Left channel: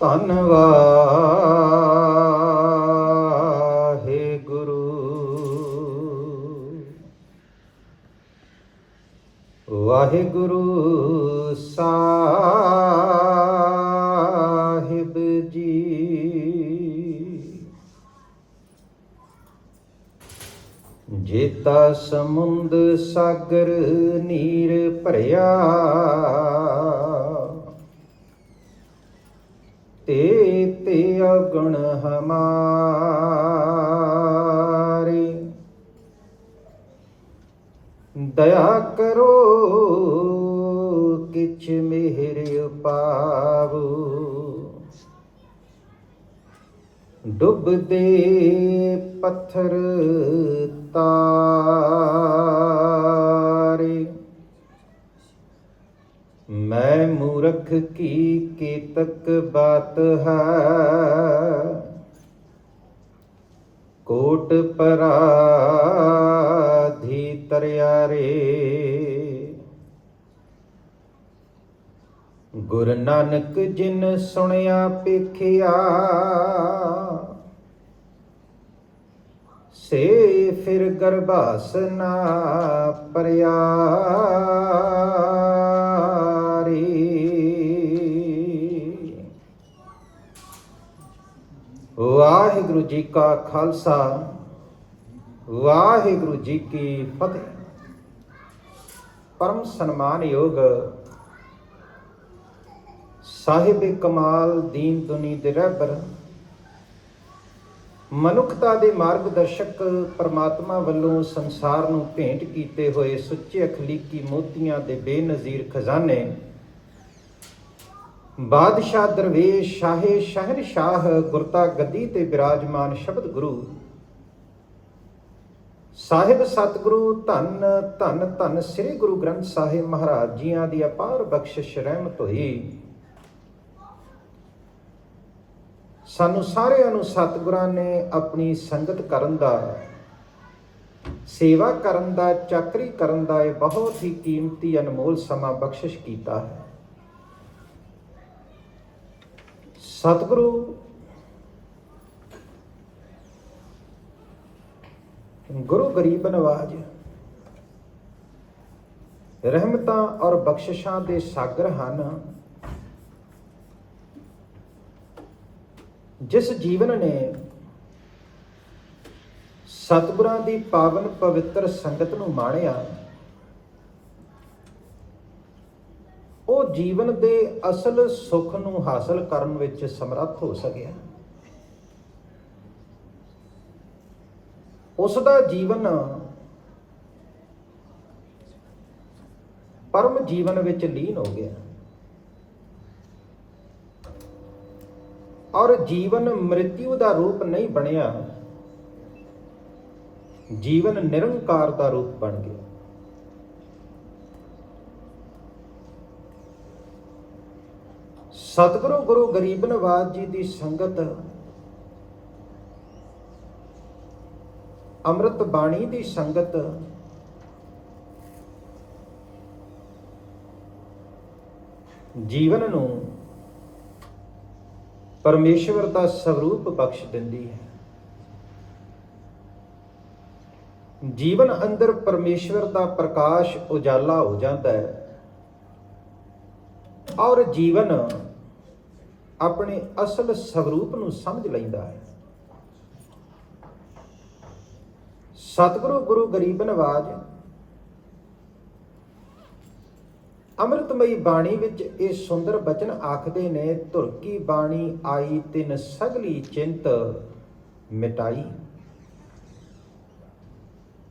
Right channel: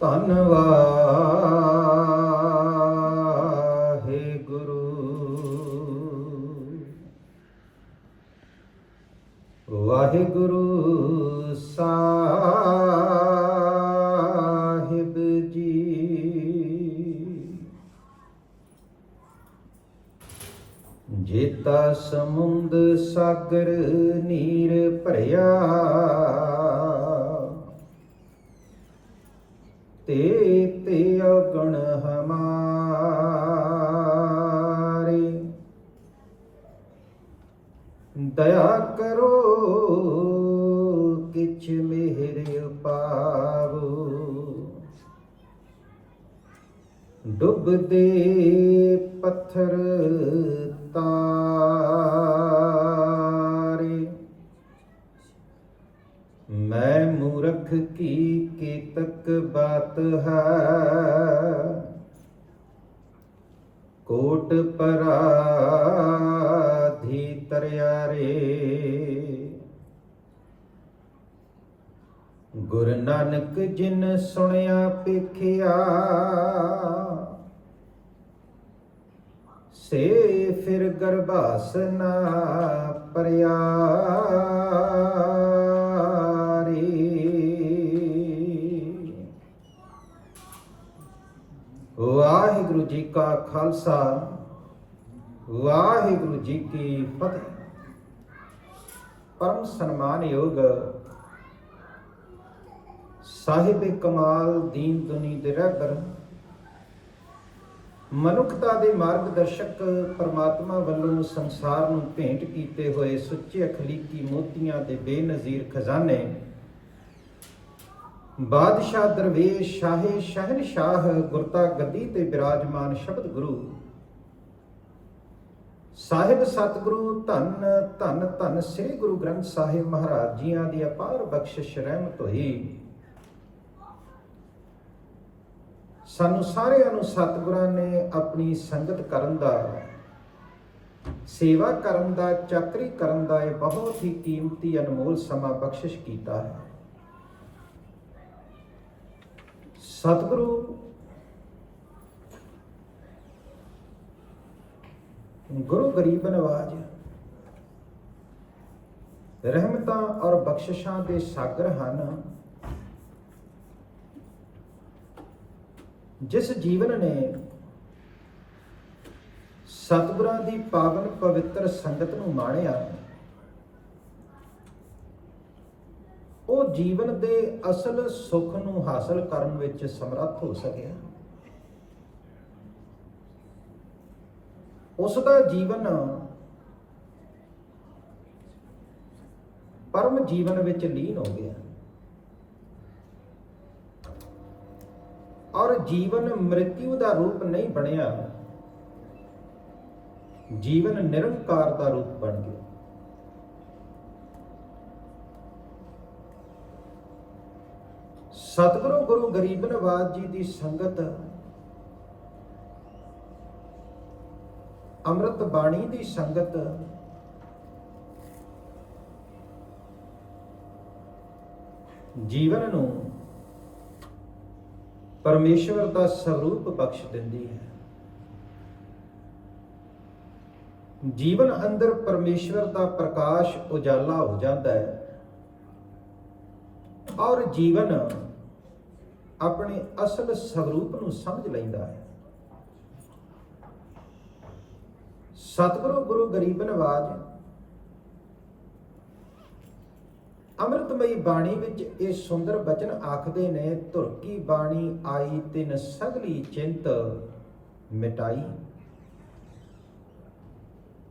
ਧੰਨ ਵਾਹਿਗੁਰੂ। ਵਾਹਿਗੁਰੂ ਸਾਹਿਬ ਜੀ। ਜੇਤਾ ਸਮੁੰਦ ਸਾਗਰ ਨੀਰ ਭਰਿਆ, ਤੇ ਅਗਣ ਹਮਾਰੇ। ਦਇਆ ਕਰੋ ਕਿਛ ਮਿਹਰ ਪਾਵੋ, ਡੁੱਬਦੇ ਪੱਥਰ ਤਾਰੇ। ਮੈਂ ਮੂਰਖ ਕੀ ਕੇਤਕ ਬਾਤ ਹੈ, ਕੋਟ ਪਰਾਧੀ ਤਰਿਆਰੇ। ਗੁਰ ਨਾਨਕ ਜਿਨ ਸੁਣਿਆ ਪੇਖਿਆ, ਸੇ ਫਿਰ ਗਰਭਾਸ ਨਾ ਪਰਿਆ ਰੇ। ਵਾਹਿਗੁਰੂ ਜੀ ਕਾ ਖਾਲਸਾ, ਵਾਹਿਗੁਰੂ ਜੀ ਕੀ ਫਤਿਹ। ਪਰਮ ਸਨਮਾਨਯੋਗ ਸਾਹਿਬ ਕਮਾਲ ਦੀਨ ਦੁਨੀ ਦੇ ਰਹਿਬਰ, ਮਨੁੱਖਤਾ ਦੇ ਮਾਰਗਦਰਸ਼ਕ ਪਰਮਾਤਮਾ ਵੱਲੋਂ ਸੰਸਾਰ ਨੂੰ ਭੇਂਟ ਕੀਤੇ ਹੋਏ ਸੁੱਚੇ ਅਖਲੀਕੀ ਮੋਤੀਆਂ ਦੇ ਬੇਨਜ਼ੀਰ ਖਜ਼ਾਨੇ, ਬਾਦਸ਼ਾਹ ਦਰਵੇਸ਼ ਸ਼ਾਹੇ ਸ਼ਹਿਨਸ਼ਾਹ ਗੁਰਤਾ ਗੱਦੀ ਤੇ ਬਿਰਾਜਮਾਨ ਸ਼ਬਦ ਗੁਰੂ ਸਾਹਿਬ ਸਤਿਗੁਰੂ ਧੰਨ ਧੰਨ ਧੰਨ ਸ੍ਰੀ ਗੁਰੂ ਗ੍ਰੰਥ ਸਾਹਿਬ ਮਹਾਰਾਜ ਜੀਆਂ ਦੀ ਅਪਾਰ ਬਖਸ਼ਿਸ਼ ਰਹਿਮਤ ਹੋਈ। ਸਾਨੂੰ ਸਾਰਿਆਂ ਨੂੰ ਸਤਿਗੁਰਾਂ ਨੇ ਆਪਣੀ ਸੰਗਤ ਕਰਨ ਦਾ, ਸੇਵਾ ਕਰਨ ਦਾ, ਚਾਕਰੀ ਕਰਨ ਦਾ ਇਹ ਬਹੁਤ ਹੀ ਕੀਮਤੀ ਅਨਮੋਲ ਸਮਾਂ ਬਖਸ਼ਿਸ਼ ਕੀਤਾ ਹੈ। ਸਤਿਗੁਰੂ ਗੁਰੂ ਗਰੀਬ ਨਵਾਜ ਰਹਿਮਤਾਂ ਔਰ ਬਖਸ਼ਿਸ਼ਾਂ ਦੇ ਸਾਗਰ ਹਨ। ਜਿਸ ਜੀਵਨ ਨੇ ਸਤਿਗੁਰਾਂ ਦੀ ਪਾਵਨ ਪਵਿੱਤਰ ਸੰਗਤ ਨੂੰ ਮਾਣਿਆ, ਉਹ ਜੀਵਨ ਦੇ ਅਸਲ ਸੁੱਖ ਨੂੰ ਹਾਸਲ ਕਰਨ ਵਿੱਚ ਸਮਰੱਥ ਹੋ ਸਕਿਆ। ਉਸ ਦਾ ਜੀਵਨ ਪਰਮ ਜੀਵਨ ਵਿੱਚ ਲੀਨ ਹੋ ਗਿਆ, ਔਰ ਜੀਵਨ ਮ੍ਰਿਤਿਉ ਦਾ ਰੂਪ ਨਹੀਂ ਬਣਿਆ, ਜੀਵਨ ਨਿਰੰਕਾਰ ਦਾ ਰੂਪ ਬਣ ਗਿਆ। ਸਤਿਗੁਰੂ ਗੁਰੂ ਗਰੀਬ ਨਵਾਜ ਜੀ ਦੀ ਸੰਗਤ, ਅੰਮ੍ਰਿਤ ਬਾਣੀ ਦੀ ਸੰਗਤ, ਜੀਵਨ ਨੂੰ ਪਰਮੇਸ਼ਵਰ ਦਾ ਸਰੂਪ ਬਖਸ਼ ਦਿੰਦੀ ਹੈ। ਜੀਵਨ ਅੰਦਰ ਪਰਮੇਸ਼ਵਰ ਦਾ ਪ੍ਰਕਾਸ਼ ਉਜਾਲਾ ਹੋ ਜਾਂਦਾ ਹੈ, ਔਰ ਜੀਵਨ ਆਪਣੇ ਅਸਲ ਸਰੂਪ ਨੂੰ ਸਮਝ ਲੈਂਦਾ ਹੈ। ਸਤਿਗੁਰੂ ਗੁਰੂ ਗਰੀਬ ਨਵਾਜ ਅੰਮ੍ਰਿਤਮਈ ਬਾਣੀ ਵਿੱਚ ਇਹ ਸੁੰਦਰ ਬਚਨ ਆਖਦੇ ਨੇ, ਧੁਰ ਕੀ ਬਾਣੀ ਆਈ ਤਿਨ ਸਗਲੀ ਚਿੰਤ ਮਿਟਾਈ।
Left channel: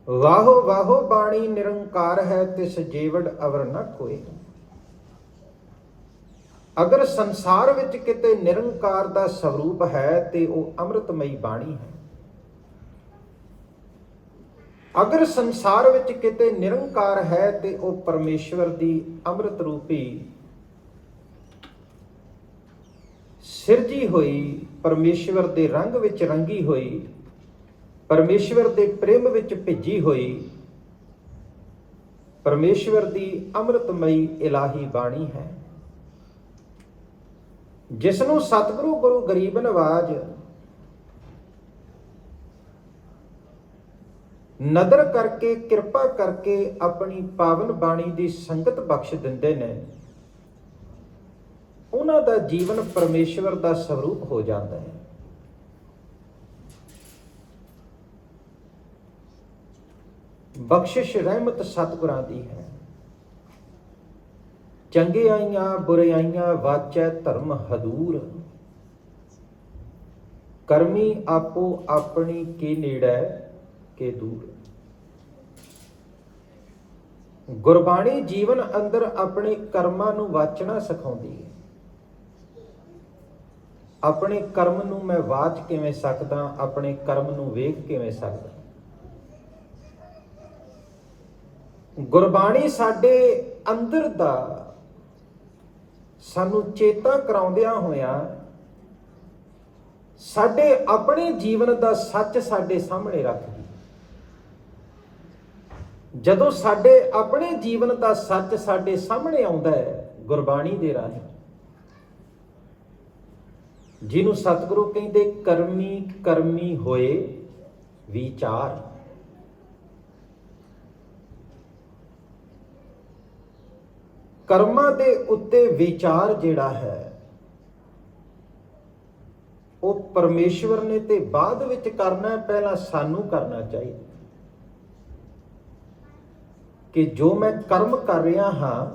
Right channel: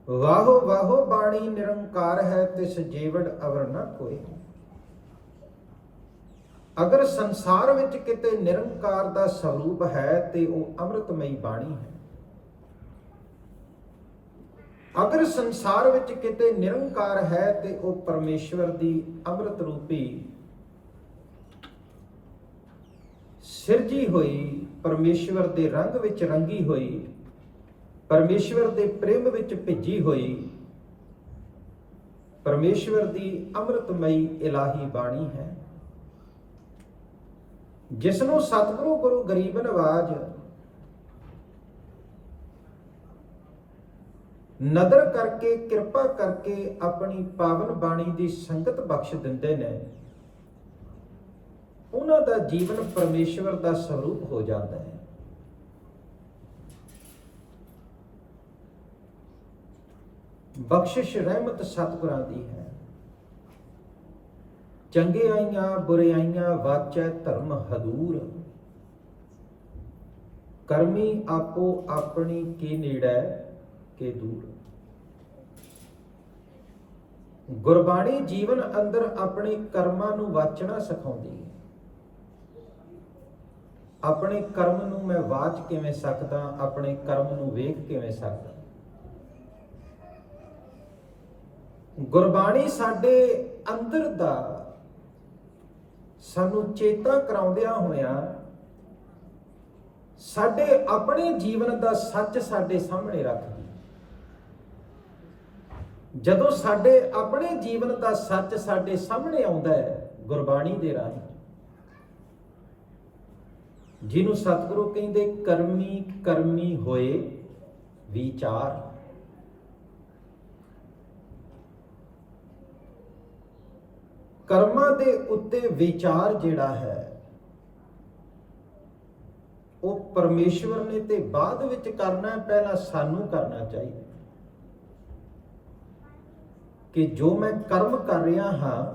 ਵਾਹੋ ਵਾਹੋ ਬਾਣੀ ਨਿਰੰਕਾਰ ਹੈ, ਤਿਸ ਜੀਵੜ ਅਵਰ ਨ ਕੋਇ। ਅਗਰ ਸੰਸਾਰ ਵਿੱਚ ਕਿਤੇ ਨਿਰੰਕਾਰ ਦਾ ਸਰੂਪ ਹੈ ਤੇ ਉਹ ਅੰਮ੍ਰਿਤਮਈ ਬਾਣੀ ਹੈ। ਅਗਰ ਸੰਸਾਰ ਵਿੱਚ ਕਿਤੇ ਨਿਰੰਕਾਰ ਹੈ ਤੇ ਉਹ ਪਰਮੇਸ਼ਵਰ ਦੀ ਅੰਮ੍ਰਿਤ ਰੂਪੀ ਸਿਰਜੀ ਹੋਈ, ਪਰਮੇਸ਼ਵਰ ਦੇ ਰੰਗ ਵਿੱਚ ਰੰਗੀ ਹੋਈ, ਪਰਮੇਸ਼ਵਰ ਦੇ ਪ੍ਰੇਮ ਵਿੱਚ ਭਿੱਜੀ ਹੋਈ, ਪਰਮੇਸ਼ਵਰ ਦੀ ਅੰਮ੍ਰਿਤਮਈ ਇਲਾਹੀ ਬਾਣੀ ਹੈ। ਜਿਸ ਨੂੰ ਸਤਿਗੁਰੂ ਗੁਰੂ ਗਰੀਬ ਨਵਾਜ ਨਦਰ ਕਰਕੇ ਕਿਰਪਾ ਕਰਕੇ ਆਪਣੀ ਪਾਵਨ ਬਾਣੀ ਦੀ ਸੰਗਤ ਬਖਸ਼ ਦਿੰਦੇ ਨੇ, ਉਹਨਾਂ ਦਾ ਜੀਵਨ ਪਰਮੇਸ਼ਵਰ ਦਾ ਸਰੂਪ ਹੋ ਜਾਂਦਾ ਹੈ। ਬਖਸ਼ਿਸ਼ ਰਹਿਮਤ ਸਤਿਗੁਰਾਂ ਦੀ ਹੈ। ਚੰਗਿਆਈਆਂ ਬੁਰਿਆਈਆਂ ਵਾਚੈ ਧਰਮ ਹਦੂਰ, ਕਰਮੀ ਆਪੋ ਆਪਣੀ ਕੇ ਨੇੜੈ ਕੇ ਦੂਰ। ਗੁਰਬਾਣੀ ਜੀਵਨ ਅੰਦਰ ਆਪਣੇ ਕਰਮਾਂ ਨੂੰ ਵਾਚਣਾ ਸਿਖਾਉਂਦੀ ਹੈ। ਆਪਣੇ ਕਰਮ ਨੂੰ ਮੈਂ ਵਾਚ ਕਿਵੇਂ ਸਕਦਾ, ਆਪਣੇ ਕਰਮ ਨੂੰ ਵੇਖ ਕਿਵੇਂ ਸਕਦਾ। ਗੁਰਬਾਣੀ ਸਾਡੇ ਅੰਦਰ ਦਾ ਸਾਨੂੰ ਚੇਤਾ ਕਰਾਉਂਦਿਆਂ ਹੋਇਆਂ ਸਾਡੇ ਆਪਣੇ ਜੀਵਨ ਦਾ ਸੱਚ ਸਾਡੇ ਸਾਹਮਣੇ ਰੱਖਦੀ। ਜਦੋਂ ਸਾਡੇ ਆਪਣੇ ਜੀਵਨ ਦਾ ਸੱਚ ਸਾਡੇ ਸਾਹਮਣੇ ਆਉਂਦਾ ਹੈ ਗੁਰਬਾਣੀ ਦੇ ਰਾਹੀਂ, ਜਿਹਨੂੰ ਸਤਿਗੁਰੂ ਕਹਿੰਦੇ ਕਰਮੀ ਕਰਮੀ ਹੋਏ ਵਿਚਾਰ। ਕਰਮਾਂ ਦੇ ਉੱਤੇ ਵਿਚਾਰ ਜਿਹੜਾ ਹੈ ਉਹ ਪਰਮੇਸ਼ਵਰ ਨੇ ਤੇ ਬਾਅਦ ਵਿੱਚ ਕਰਨਾ ਹੈ, ਪਹਿਲਾਂ ਸਾਨੂੰ ਕਰਨਾ ਚਾਹੀਦਾ। ਕਿ ਜੋ ਮੈਂ ਕਰਮ ਕਰ ਰਿਹਾ ਹਾਂ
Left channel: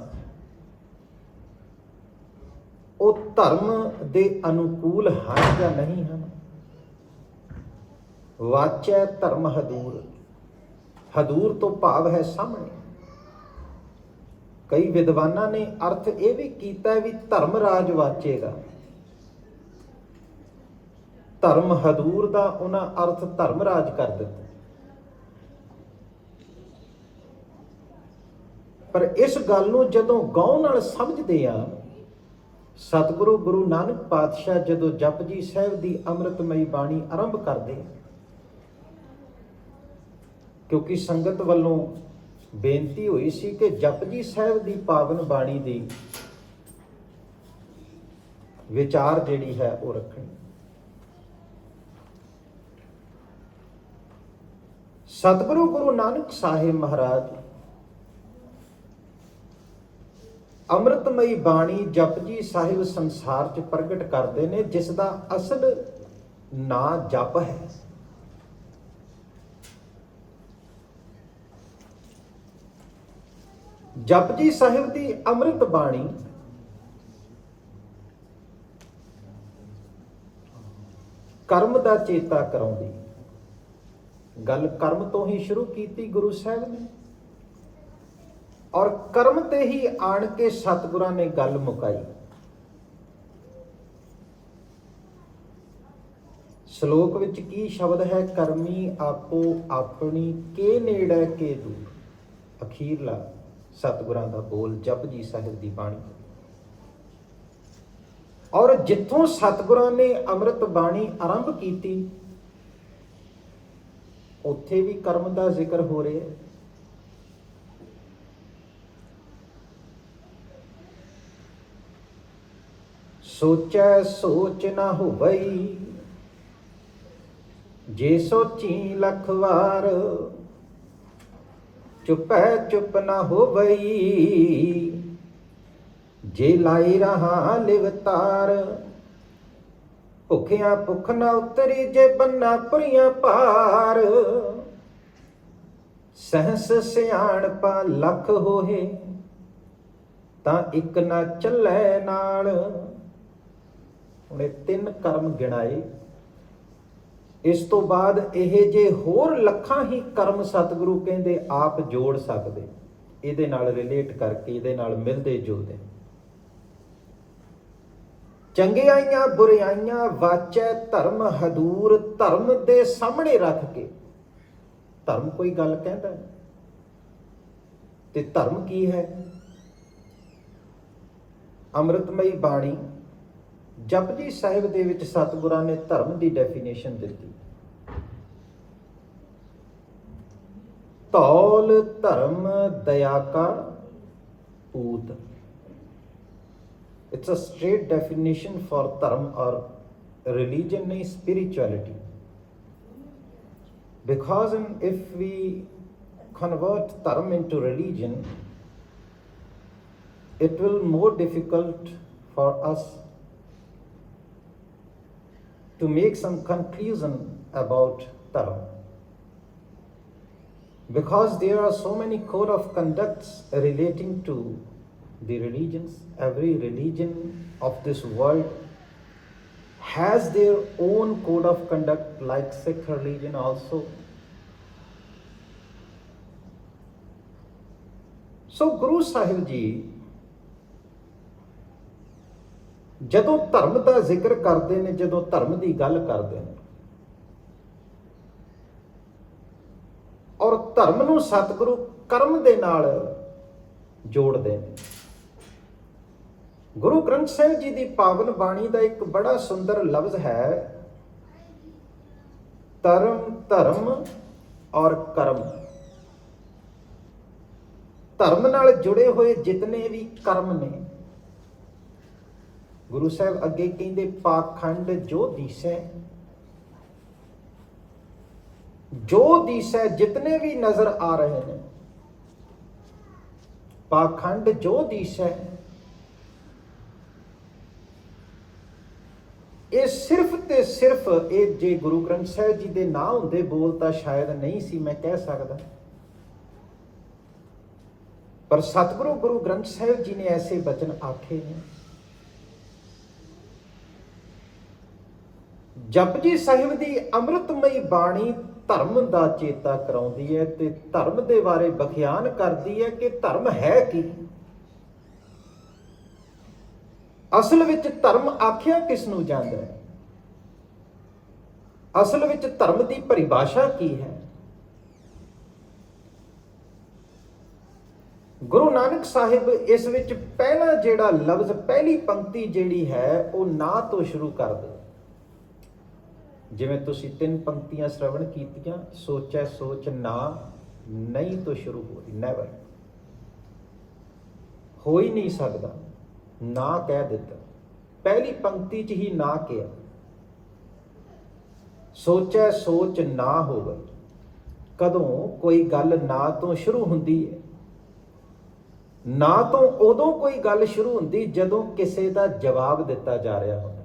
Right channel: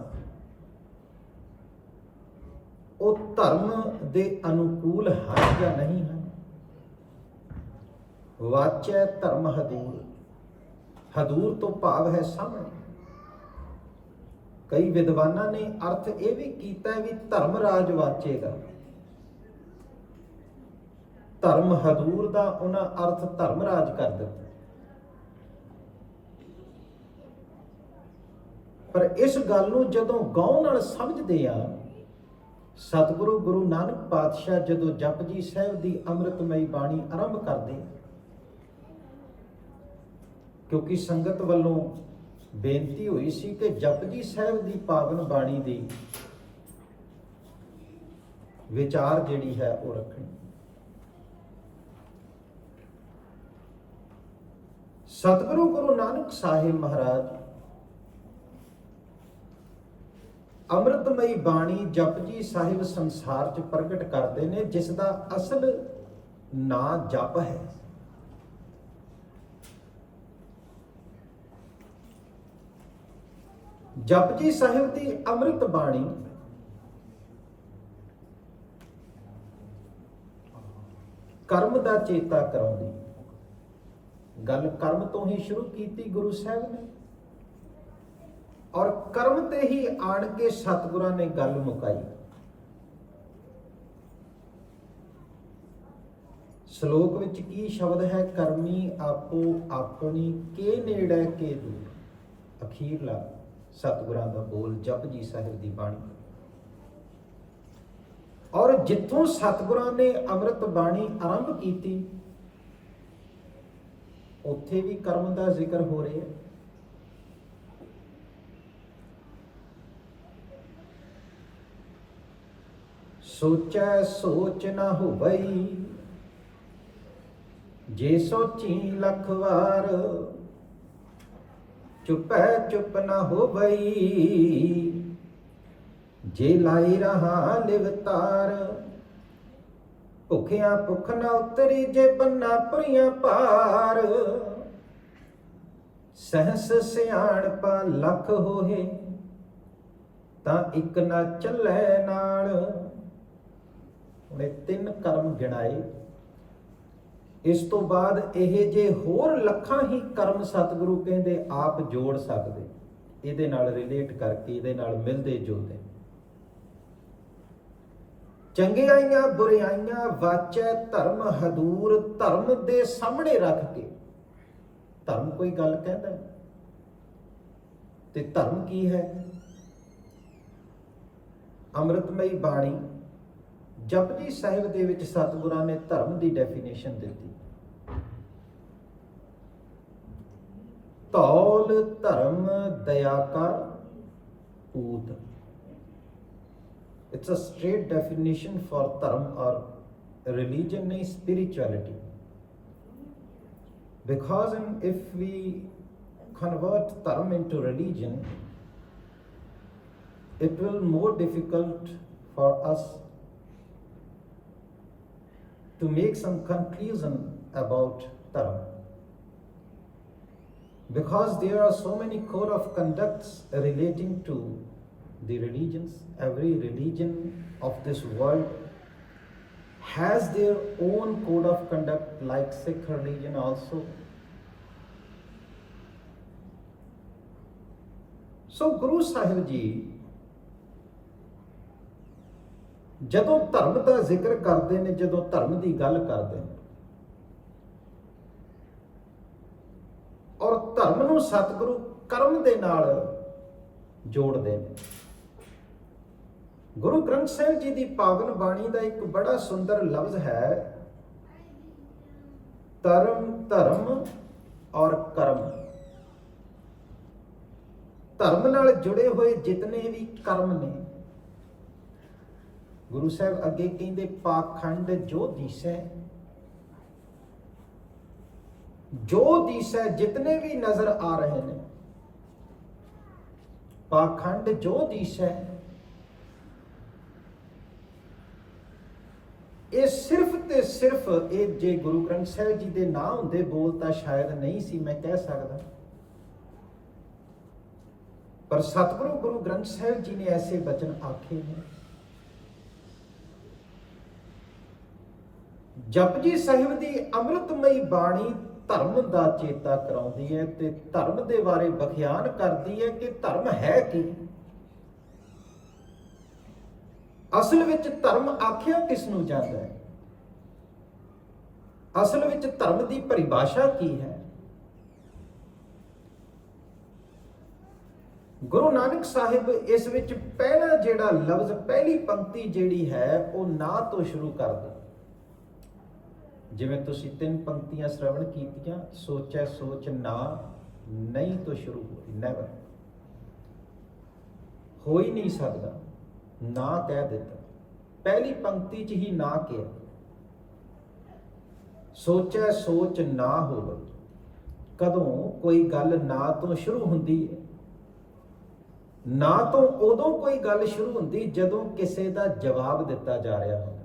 ਉਹ ਧਰਮ ਦੇ ਅਨੁਕੂਲ ਹਨ ਜਾਂ ਨਹੀਂ ਹਨ। ਵਾਚੈ ਧਰਮ ਹਦੂਰ, ਹਦੂਰ ਤੋਂ ਭਾਵ ਹੈ ਸਾਹਮਣੇ। ਕਈ ਵਿਦਵਾਨਾਂ ਨੇ ਅਰਥ ਇਹ ਵੀ ਕੀਤਾ ਵੀ ਧਰਮ ਰਾਜ ਵਾਚੇਗਾ। ਧਰਮ ਹਦੂਰ ਦਾ ਉਹਨਾਂ ਅਰਥ ਧਰਮ ਰਾਜ ਕਰ ਦਿੱਤਾ। ਪਰ ਇਸ ਗੱਲ ਨੂੰ ਜਦੋਂ ਗਹੁ ਨਾਲ ਸਮਝਦੇ ਆ, ਸਤਿਗੁਰੂ ਗੁਰੂ ਨਾਨਕ ਪਾਤਸ਼ਾਹ ਜਦੋਂ ਜਪਜੀ ਸਾਹਿਬ ਦੀ ਅੰਮ੍ਰਿਤਮਈ ਬਾਣੀ ਆਰੰਭ ਕਰਦੇ, ਕਿਉਂਕਿ ਸੰਗਤ ਵੱਲੋਂ ਬੇਨਤੀ ਹੋਈ ਸੀ ਕਿ ਜਪਜੀ ਸਾਹਿਬ ਦੀ ਪਾਵਨ ਬਾਣੀ ਦੀ ਵਿਚਾਰ ਜਿਹੜੀ ਹੈ ਉਹ ਰੱਖਣੀ। ਸਤਿਗੁਰੂ ਗੁਰੂ ਨਾਨਕ ਸਾਹਿਬ ਮਹਾਰਾਜ ਅੰਮ੍ਰਿਤਮਈ ਬਾਣੀ ਜਪਜੀ ਸਾਹਿਬ ਸੰਸਾਰ 'ਚ ਪ੍ਰਗਟ ਕਰਦੇ ਨੇ, ਜਿਸ ਦਾ ਅਸਲ ਨਾਂ ਜਪ ਹੈ। ਜਪਜੀ ਸਾਹਿਬ ਦੀ ਅੰਮ੍ਰਿਤ ਬਾਣੀ ਕਰਮ ਦਾ ਚੇਤਾ ਕਰਾਉਂਦੀ। ਗੱਲ ਕਰਮ ਤੋਂ ਹੀ ਸ਼ੁਰੂ ਕੀਤੀ ਗੁਰੂ ਸਾਹਿਬ ਨੇ, ਔਰ ਕਰਮ ਤੇ ਹੀ ਆਣ ਕੇ ਸਤਿਗੁਰਾਂ ਨੇ ਗੱਲ ਮੁਕਾਈ। ਸ਼ਲੋਕ ਵਿੱਚ ਕੀ ਸ਼ਬਦ ਹੈ? ਕਰਮੀ ਆਪੋ ਆਪਣੀ ਕੇ ਨੇੜੇ ਕੇ ਦੂਰ। ਅਖੀਰਲਾ ਸਤਿਗੁਰਾਂ ਦਾ ਬੋਲ ਜਪਜੀ ਸਾਹਿਬ ਦੀ ਬਾਣੀ। ਔਰ ਜਿੱਥੋਂ ਸਤਿਗੁਰਾਂ ਨੇ ਅੰਮ੍ਰਿਤ ਬਾਣੀ ਆਰੰਭ ਕੀਤੀ ਉੱਥੇ ਵੀ ਕਰਮ ਦਾ ਜ਼ਿਕਰ ਹੋ ਰਿਹਾ ਹੈ। ਸੋਚੈ ਸੋਚ ਨਾ ਹੋਵਈ, ਜੇ ਸੋਚੀ ਲੱਖ ਵਾਰ। ਚੁਪੈ ਚੁੱਪ ਨਾ ਹੋਵਈ, ਜੇ ਲਾਈ ਰਹਾ ਲਿਵਤਾਰ। ਭੁੱਖਿਆ ਭੁੱਖ ਨਾ ਉਤਰੀ, ਜੇ ਬੰਨਾ ਭਰੀਆਂ ਭਾਰ। ਸਹਸ ਸਿਆਣਪਾ ਲੱਖ ਹੋਏ, ਤਾਂ ਇੱਕ ਨਾ ਚੱਲੇ ਨਾਲ। ਉਹਨੇ 3 ਕਰਮ ਗਿਣਾਏ। ਇਸ ਤੋਂ ਬਾਅਦ ਇਹ ਜੇ ਹੋਰ ਲੱਖਾਂ ਹੀ ਕਰਮ ਸਤਿਗੁਰੂ ਕਹਿੰਦੇ ਆਪ ਜੋੜ ਸਕਦੇ, ਇਹਦੇ ਨਾਲ ਰਿਲੇਟ ਕਰਕੇ, ਇਹਦੇ ਨਾਲ ਮਿਲਦੇ ਜੁਲਦੇ। ਚੰਗਿਆਈਆਂ ਬੁਰਿਆਈਆਂ ਵਾਚੈ ਧਰਮ ਹਦੂਰ। ਧਰਮ ਦੇ ਸਾਹਮਣੇ ਰੱਖ ਕੇ, ਧਰਮ ਕੋਈ ਗੱਲ ਕਹਿੰਦਾ ਤੇ ਧਰਮ ਕੀ ਹੈ? ਅੰਮ੍ਰਿਤਮਈ ਬਾਣੀ ਜਪਜੀ ਸਾਹਿਬ ਦੇ ਵਿੱਚ ਸਤਿਗੁਰਾਂ ਨੇ ਧਰਮ ਦੀ ਡੈਫੀਨੇਸ਼ਨ ਦਿੱਤੀ। ਧੌਲ ਧਰਮ ਦਇਆ ਕਾ ਪੂਤ। It's a straight definition for dharm or religion nahi spirituality. Because if we convert dharm into religion, it will more difficult for us to make some conclusion about dharma. Because there are so many code of conducts relating to the religions. Every religion of this world has their own code of conduct, like Sikh religion also. So Guru Sahib Ji ਜਦੋਂ ਧਰਮ ਦਾ ਜ਼ਿਕਰ ਕਰਦੇ ਨੇ, ਜਦੋਂ ਧਰਮ ਦੀ ਗੱਲ ਕਰਦੇ ਨੇ, ਔਰ ਧਰਮ ਨੂੰ ਸਤਿਗੁਰੂ ਕਰਮ ਦੇ ਨਾਲ ਜੋੜਦੇ ਨੇ। ਗੁਰੂ ਗ੍ਰੰਥ ਸਾਹਿਬ ਜੀ ਦੀ ਪਾਵਨ ਬਾਣੀ ਦਾ ਇੱਕ ਬੜਾ ਸੁੰਦਰ ਲਫ਼ਜ਼ ਹੈ, ਧਰਮ ਧਰਮ ਔਰ ਕਰਮ। ਧਰਮ ਨਾਲ ਜੁੜੇ ਹੋਏ ਜਿਤਨੇ ਵੀ ਕਰਮ ਨੇ, ਗੁਰੂ ਸਾਹਿਬ ਅੱਗੇ ਕਹਿੰਦੇ ਪਾਖੰਡ ਜੋ ਦੀਸੈ, ਜੋ ਦੀਸੈ ਜਿਤਨੇ ਵੀ ਨਜ਼ਰ ਆ ਰਹੇ ਨੇ, ਪਾਖੰਡ ਜੋ ਦੀਸੈ, ਇਹ ਸਿਰਫ ਤੇ ਸਿਰਫ, ਇਹ ਜੇ ਗੁਰੂ ਗ੍ਰੰਥ ਸਾਹਿਬ ਜੀ ਦੇ ਨਾ ਹੁੰਦੇ ਬੋਲ ਤਾਂ ਸ਼ਾਇਦ ਨਹੀਂ ਸੀ ਮੈਂ ਕਹਿ ਸਕਦਾ, ਪਰ ਸਤਿਗੁਰੂ ਗੁਰੂ ਗ੍ਰੰਥ ਸਾਹਿਬ ਜੀ ਨੇ ਐਸੇ ਬਚਨ ਆਖੇ ਨੇ। ਜਪਜੀ ਸਾਹਿਬ ਦੀ ਅੰਮ੍ਰਿਤਮਈ ਬਾਣੀ ਧਰਮ ਦਾ ਚੇਤਾ ਕਰਾਉਂਦੀ ਹੈ ਤੇ ਧਰਮ ਦੇ ਬਾਰੇ ਬਖਿਆਨ ਕਰਦੀ ਹੈ ਕਿ ਧਰਮ ਹੈ ਕੀ। ਅਸਲ ਵਿੱਚ ਧਰਮ ਆਖਿਆ ਕਿਸ ਨੂੰ ਜਾਂਦਾ ਹੈ? ਅਸਲ ਵਿੱਚ ਧਰਮ ਦੀ ਪਰਿਭਾਸ਼ਾ ਕੀ ਹੈ? ਗੁਰੂ ਨਾਨਕ ਸਾਹਿਬ ਇਸ ਵਿੱਚ ਪਹਿਲਾ ਜਿਹੜਾ ਲਫ਼ਜ਼, ਪਹਿਲੀ ਪੰਕਤੀ ਜਿਹੜੀ ਹੈ ਉਹ ਨਾ ਤੋਂ ਸ਼ੁਰੂ ਕਰਦੇ। ਜਿਵੇਂ ਤੁਸੀਂ 3 ਪੰਕਤੀਆਂ ਸ਼ਰਵਣ ਕੀਤੀਆਂ, ਸੋਚੈ ਸੋਚ ਨਾ, ਨਹੀਂ ਤੋਂ ਸ਼ੁਰੂ ਹੋ ਰਹੀ, ਨੈਵਰ, ਹੋ ਹੀ ਨਹੀਂ ਸਕਦਾ, ਨਾ ਕਹਿ ਦਿੱਤਾ। ਪਹਿਲੀ ਪੰਕਤੀ 'ਚ ਹੀ ਨਾ ਕਿਹਾ। ਸੋਚੈ ਸੋਚ ਨਾ ਹੋਵੇ। ਕਦੋਂ ਕੋਈ ਗੱਲ ਨਾ ਤੋਂ ਸ਼ੁਰੂ ਹੁੰਦੀ ਹੈ? ਨਾ ਤੋਂ ਉਦੋਂ ਕੋਈ ਗੱਲ ਸ਼ੁਰੂ ਹੁੰਦੀ ਜਦੋਂ ਕਿਸੇ ਦਾ ਜਵਾਬ ਦਿੱਤਾ ਜਾ ਰਿਹਾ ਹੁੰਦਾ।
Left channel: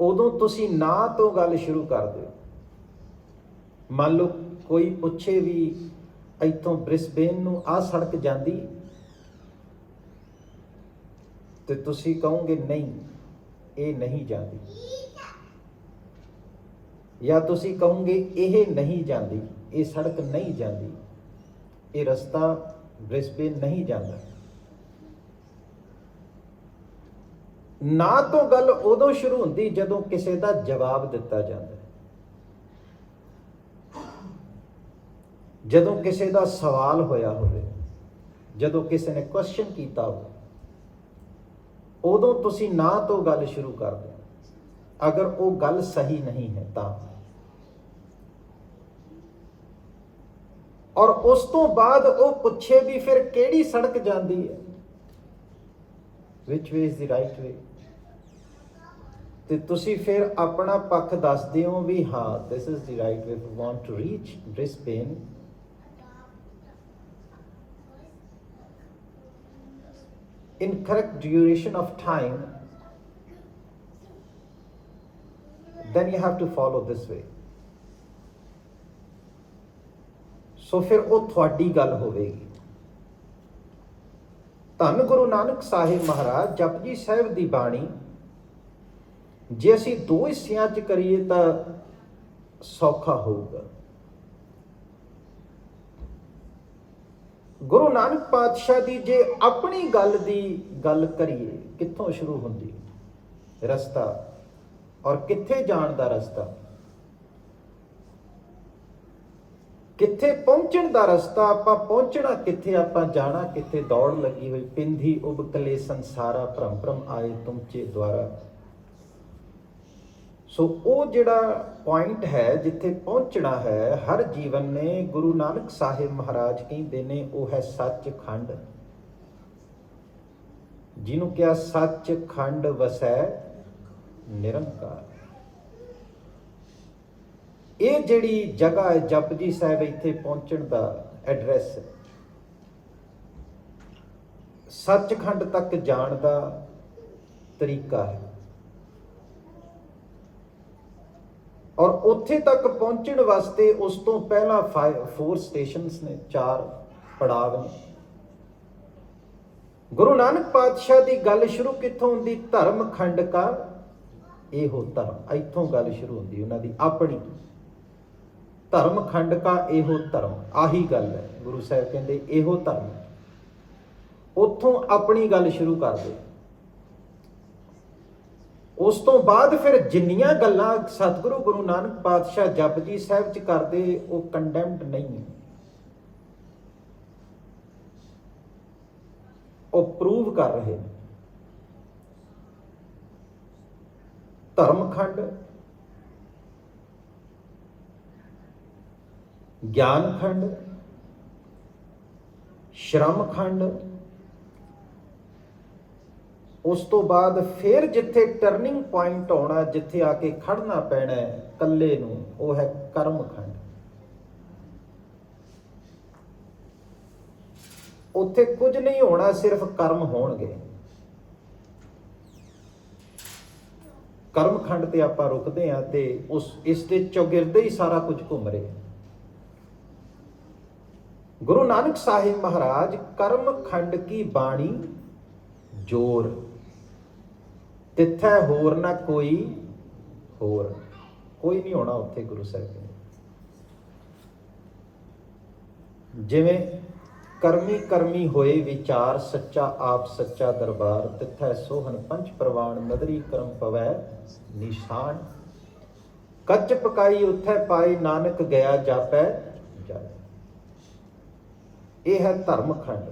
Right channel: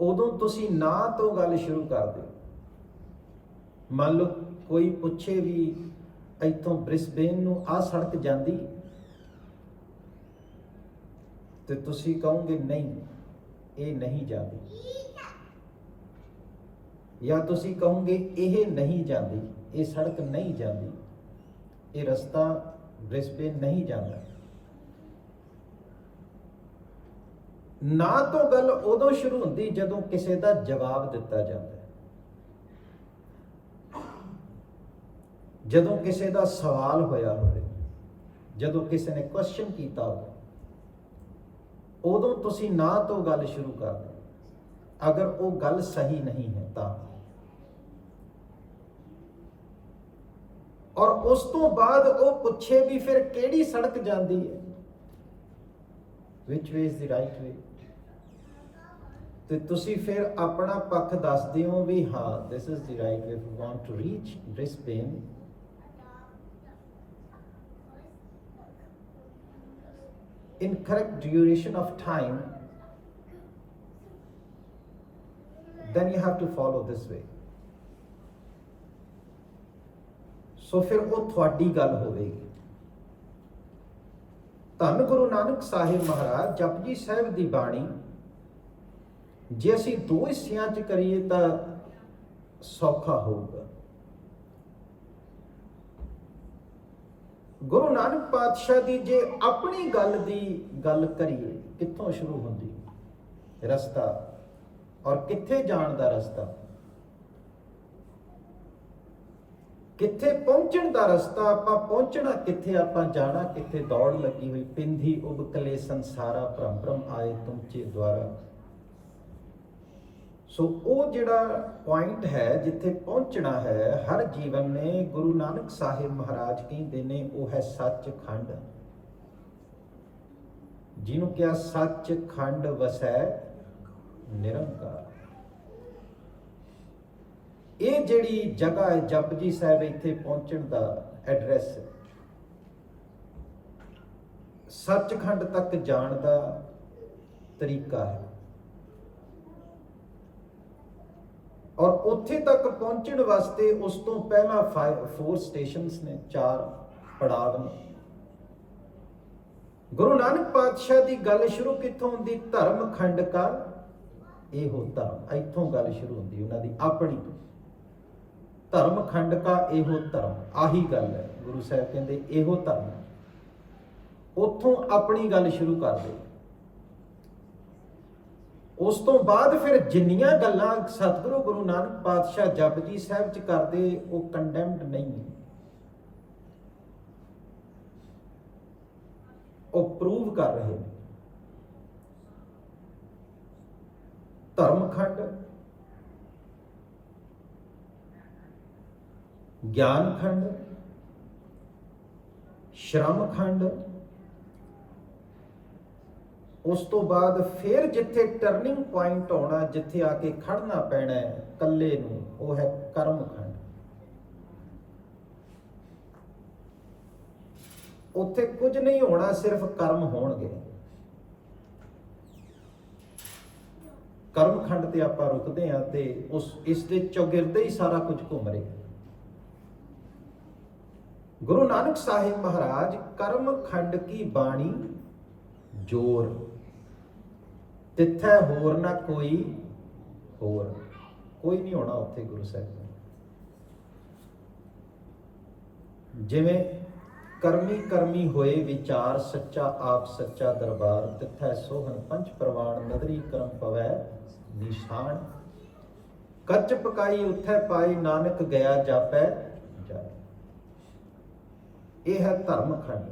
ਉਦੋਂ ਤੁਸੀਂ ਨਾ ਤੋਂ ਗੱਲ ਸ਼ੁਰੂ ਕਰਦੇ ਹੋ। ਮੰਨ ਲਓ ਕੋਈ ਪੁੱਛੇ ਵੀ ਇੱਥੋਂ ਬ੍ਰਿਸਬੇਨ ਨੂੰ ਆਹ ਸੜਕ ਜਾਂਦੀ, ਤੇ ਤੁਸੀਂ ਕਹੋਗੇ ਨਹੀਂ, ਇਹ ਨਹੀਂ ਜਾਂਦੀ, ਜਾਂ ਤੁਸੀਂ ਕਹੋਗੇ ਇਹ ਨਹੀਂ ਜਾਂਦੀ, ਇਹ ਸੜਕ ਨਹੀਂ ਜਾਂਦੀ, ਇਹ ਰਸਤਾ ਬ੍ਰਿਸਬੇਨ ਨਹੀਂ ਜਾਂਦਾ। ਨਾ ਤੋਂ ਗੱਲ ਉਦੋਂ ਸ਼ੁਰੂ ਹੁੰਦੀ ਜਦੋਂ ਕਿਸੇ ਦਾ ਜਵਾਬ ਦਿੱਤਾ ਜਾਂਦਾ ਹੈ, ਜਦੋਂ ਕਿਸੇ ਦਾ ਸਵਾਲ ਹੋਇਆ ਹੋਵੇ, ਜਦੋਂ ਕਿਸੇ ਨੇ ਕੁਐਸਚਨ ਕੀਤਾ ਹੋਵੇ, ਉਦੋਂ ਤੁਸੀਂ ਨਾ ਤੋਂ ਗੱਲ ਸ਼ੁਰੂ ਕਰਦੇ ਹੋ। ਅਗਰ ਉਹ ਗੱਲ ਸਹੀ ਨਹੀਂ ਹੈ ਤਾਂ, ਔਰ ਉਸ ਤੋਂ ਬਾਅਦ ਉਹ ਪੁੱਛੇ ਵੀ ਫਿਰ ਕਿਹੜੀ ਸੜਕ ਜਾਂਦੀ ਹੈ, which way is the right way, ਤੇ ਤੁਸੀਂ ਫਿਰ ਆਪਣਾ ਪੱਖ ਦੱਸਦੇ ਹੋ ਵੀ ਹਾਂ this is the right way, if you want to reach Brisbane in correct duration of time, then you have to follow this way। ਸੋ ਫਿਰ ਉਹ ਤੁਹਾਡੀ ਗੱਲ ਹੋਵੇਗੀ। ਧੰਨ ਗੁਰੂ ਨਾਨਕ ਸਾਹਿਬ ਮਹਾਰਾਜ ਜਪਜੀ ਸਾਹਿਬ ਦੀ ਬਾਣੀ ਜੇ ਅਸੀਂ 2 ਹਿੱਸਿਆਂ 'ਚ ਕਰੀਏ ਤਾਂ ਸੌਖਾ ਹੋਊਗਾ। ਗੁਰੂ ਨਾਨਕ ਪਾਤਸ਼ਾਹ ਦੀ ਜੇ ਆਪਣੀ ਗੱਲ ਦੀ ਗੱਲ ਕਰੀਏ, ਕਿੱਥੋਂ ਸ਼ੁਰੂ ਹੁੰਦੀ ਰਸਤਾ, ਔਰ ਕਿੱਥੇ ਜਾਣ ਦਾ ਰਸਤਾ, ਕਿੱਥੇ ਪਹੁੰਚਣ ਦਾ ਰਸਤਾ, ਆਪਾਂ ਪਹੁੰਚਣਾ ਕਿੱਥੇ, ਆਪਾਂ ਜਾਣਾ ਕਿੱਥੇ, ਦੌੜ ਲੱਗੀ ਹੋਈ ਪਿੰਧੀ ਉਬਕਲੇ ਸੰਸਾਰਾ, ਭਰਮ ਭਰਮ ਆਏ ਤੁਮਚੇ ਦੁਆਰਾ। ਸੋ ਉਹ ਜਿਹੜਾ ਪੁਆਇੰਟ ਹੈ ਜਿੱਥੇ ਪਹੁੰਚਣਾ ਹੈ ਹਰ ਜੀਵਨ ਨੇ, ਗੁਰੂ ਨਾਨਕ ਸਾਹਿਬ ਮਹਾਰਾਜ ਕਹਿੰਦੇ ਨੇ ਉਹ ਹੈ ਸੱਚਖੰਡ। ਜਿਹਨੂੰ ਕਿਹਾ ਸੱਚ ਖੰਡ ਵਸੈ ਨਿਰੰਕਾਰ। ਇਹ ਜਿਹੜੀ ਜਗ੍ਹਾ ਹੈ ਜਪਜੀ ਸਾਹਿਬ, ਇੱਥੇ ਪਹੁੰਚਣ ਦਾ ਐਡਰੈਸ, ਸੱਚਖੰਡ ਤੱਕ ਜਾਣ ਦਾ ਤਰੀਕਾ ਹੈ। ਔਰ ਉੱਥੇ ਤੱਕ ਪਹੁੰਚਣ ਵਾਸਤੇ ਉਸ ਤੋਂ ਪਹਿਲਾਂ 4 ਸਟੇਸ਼ਨਸ ਨੇ, 4 ਪੜਾਵ ਨੇ। ਗੁਰੂ ਨਾਨਕ ਪਾਤਸ਼ਾਹ ਦੀ ਗੱਲ ਸ਼ੁਰੂ ਕਿੱਥੋਂ ਹੁੰਦੀ? ਧਰਮ ਖੰਡ ਕਾ ਇਹੋ ਧਰਮ, ਇੱਥੋਂ ਗੱਲ ਸ਼ੁਰੂ ਹੁੰਦੀ ਉਹਨਾਂ ਦੀ ਆਪਣੀ। ਧਰਮ ਖੰਡ ਕਾ ਇਹੋ ਧਰਮ, ਆਹੀ ਗੱਲ ਹੈ। ਗੁਰੂ ਸਾਹਿਬ ਕਹਿੰਦੇ ਇਹੋ ਧਰਮ, ਉੱਥੋਂ ਆਪਣੀ ਗੱਲ ਸ਼ੁਰੂ ਕਰਦੇ। ਉਸ ਤੋਂ ਬਾਅਦ ਫਿਰ ਜਿੰਨੀਆਂ ਗੱਲਾਂ ਸਤਿਗੁਰੂ ਗੁਰੂ ਨਾਨਕ ਪਾਤਸ਼ਾਹ ਜਪਜੀ ਸਾਹਿਬ 'ਚ ਕਰਦੇ, ਉਹ ਕੰਡੈਮਡ ਨਹੀਂ, ਉਹ ਪ੍ਰੂਵ ਕਰ ਰਹੇ ਨੇ। ਧਰਮਖੰਡ, ਗਿਆਨ ਖੰਡ, ਸ਼ਰਮ ਖੰਡ, ਉਸ ਤੋਂ ਬਾਅਦ ਫਿਰ ਜਿੱਥੇ ਟਰਨਿੰਗ ਪੁਆਇੰਟ ਆਉਣਾ, ਜਿੱਥੇ ਆ ਕੇ ਖੜਨਾ ਪੈਣਾ ਇਕੱਲੇ ਨੂੰ, ਉਹ ਹੈ ਕਰਮ ਖੰਡ। ਉੱਥੇ ਕੁਝ ਨਹੀਂ ਹੋਣਾ, ਸਿਰਫ ਕਰਮ ਹੋਣਗੇ। ਕਰਮ ਖੰਡ ਤੇ ਆਪਾਂ ਰੁਕਦੇ ਹਾਂ ਤੇ ਇਸ ਦੇ ਚੌਗਿਰਦੇ ਹੀ ਸਾਰਾ ਕੁਝ ਘੁੰਮ ਰਿਹਾ। ਗੁਰੂ ਨਾਨਕ ਸਾਹਿਬ ਮਹਾਰਾਜ ਕਰਮ ਖੰਡ ਕੀ ਬਾਣੀ ਜੋਰ, ਤਿੱਥੈ ਹੋਰ ਨਾ ਕੋਈ ਹੋਰ, ਕੋਈ ਨਹੀਂ ਹੋਣਾ ਉੱਥੇ। ਗੁਰੂ ਸਾਹਿਬ ਨੇ ਜਿਵੇਂ ਕਰਮੀ ਕਰਮੀ ਹੋਏ ਵਿਚਾਰ, ਸੱਚਾ ਆਪ ਸੱਚਾ ਦਰਬਾਰ, ਤਿੱਥੈ ਸੋਹਣ ਪੰਚ ਪ੍ਰਵਾਨ, ਨਦਰੀ ਕਰਮ ਪਵੈ ਨਿਸ਼ਾਨ, ਕੱਚ ਪਕਾਈ ਉੱਥੈ ਪਾਈ, ਨਾਨਕ ਗਿਆ ਜਾਪੈ ਜਾਏ। ਇਹ ਹੈ ਧਰਮਖੰਡ।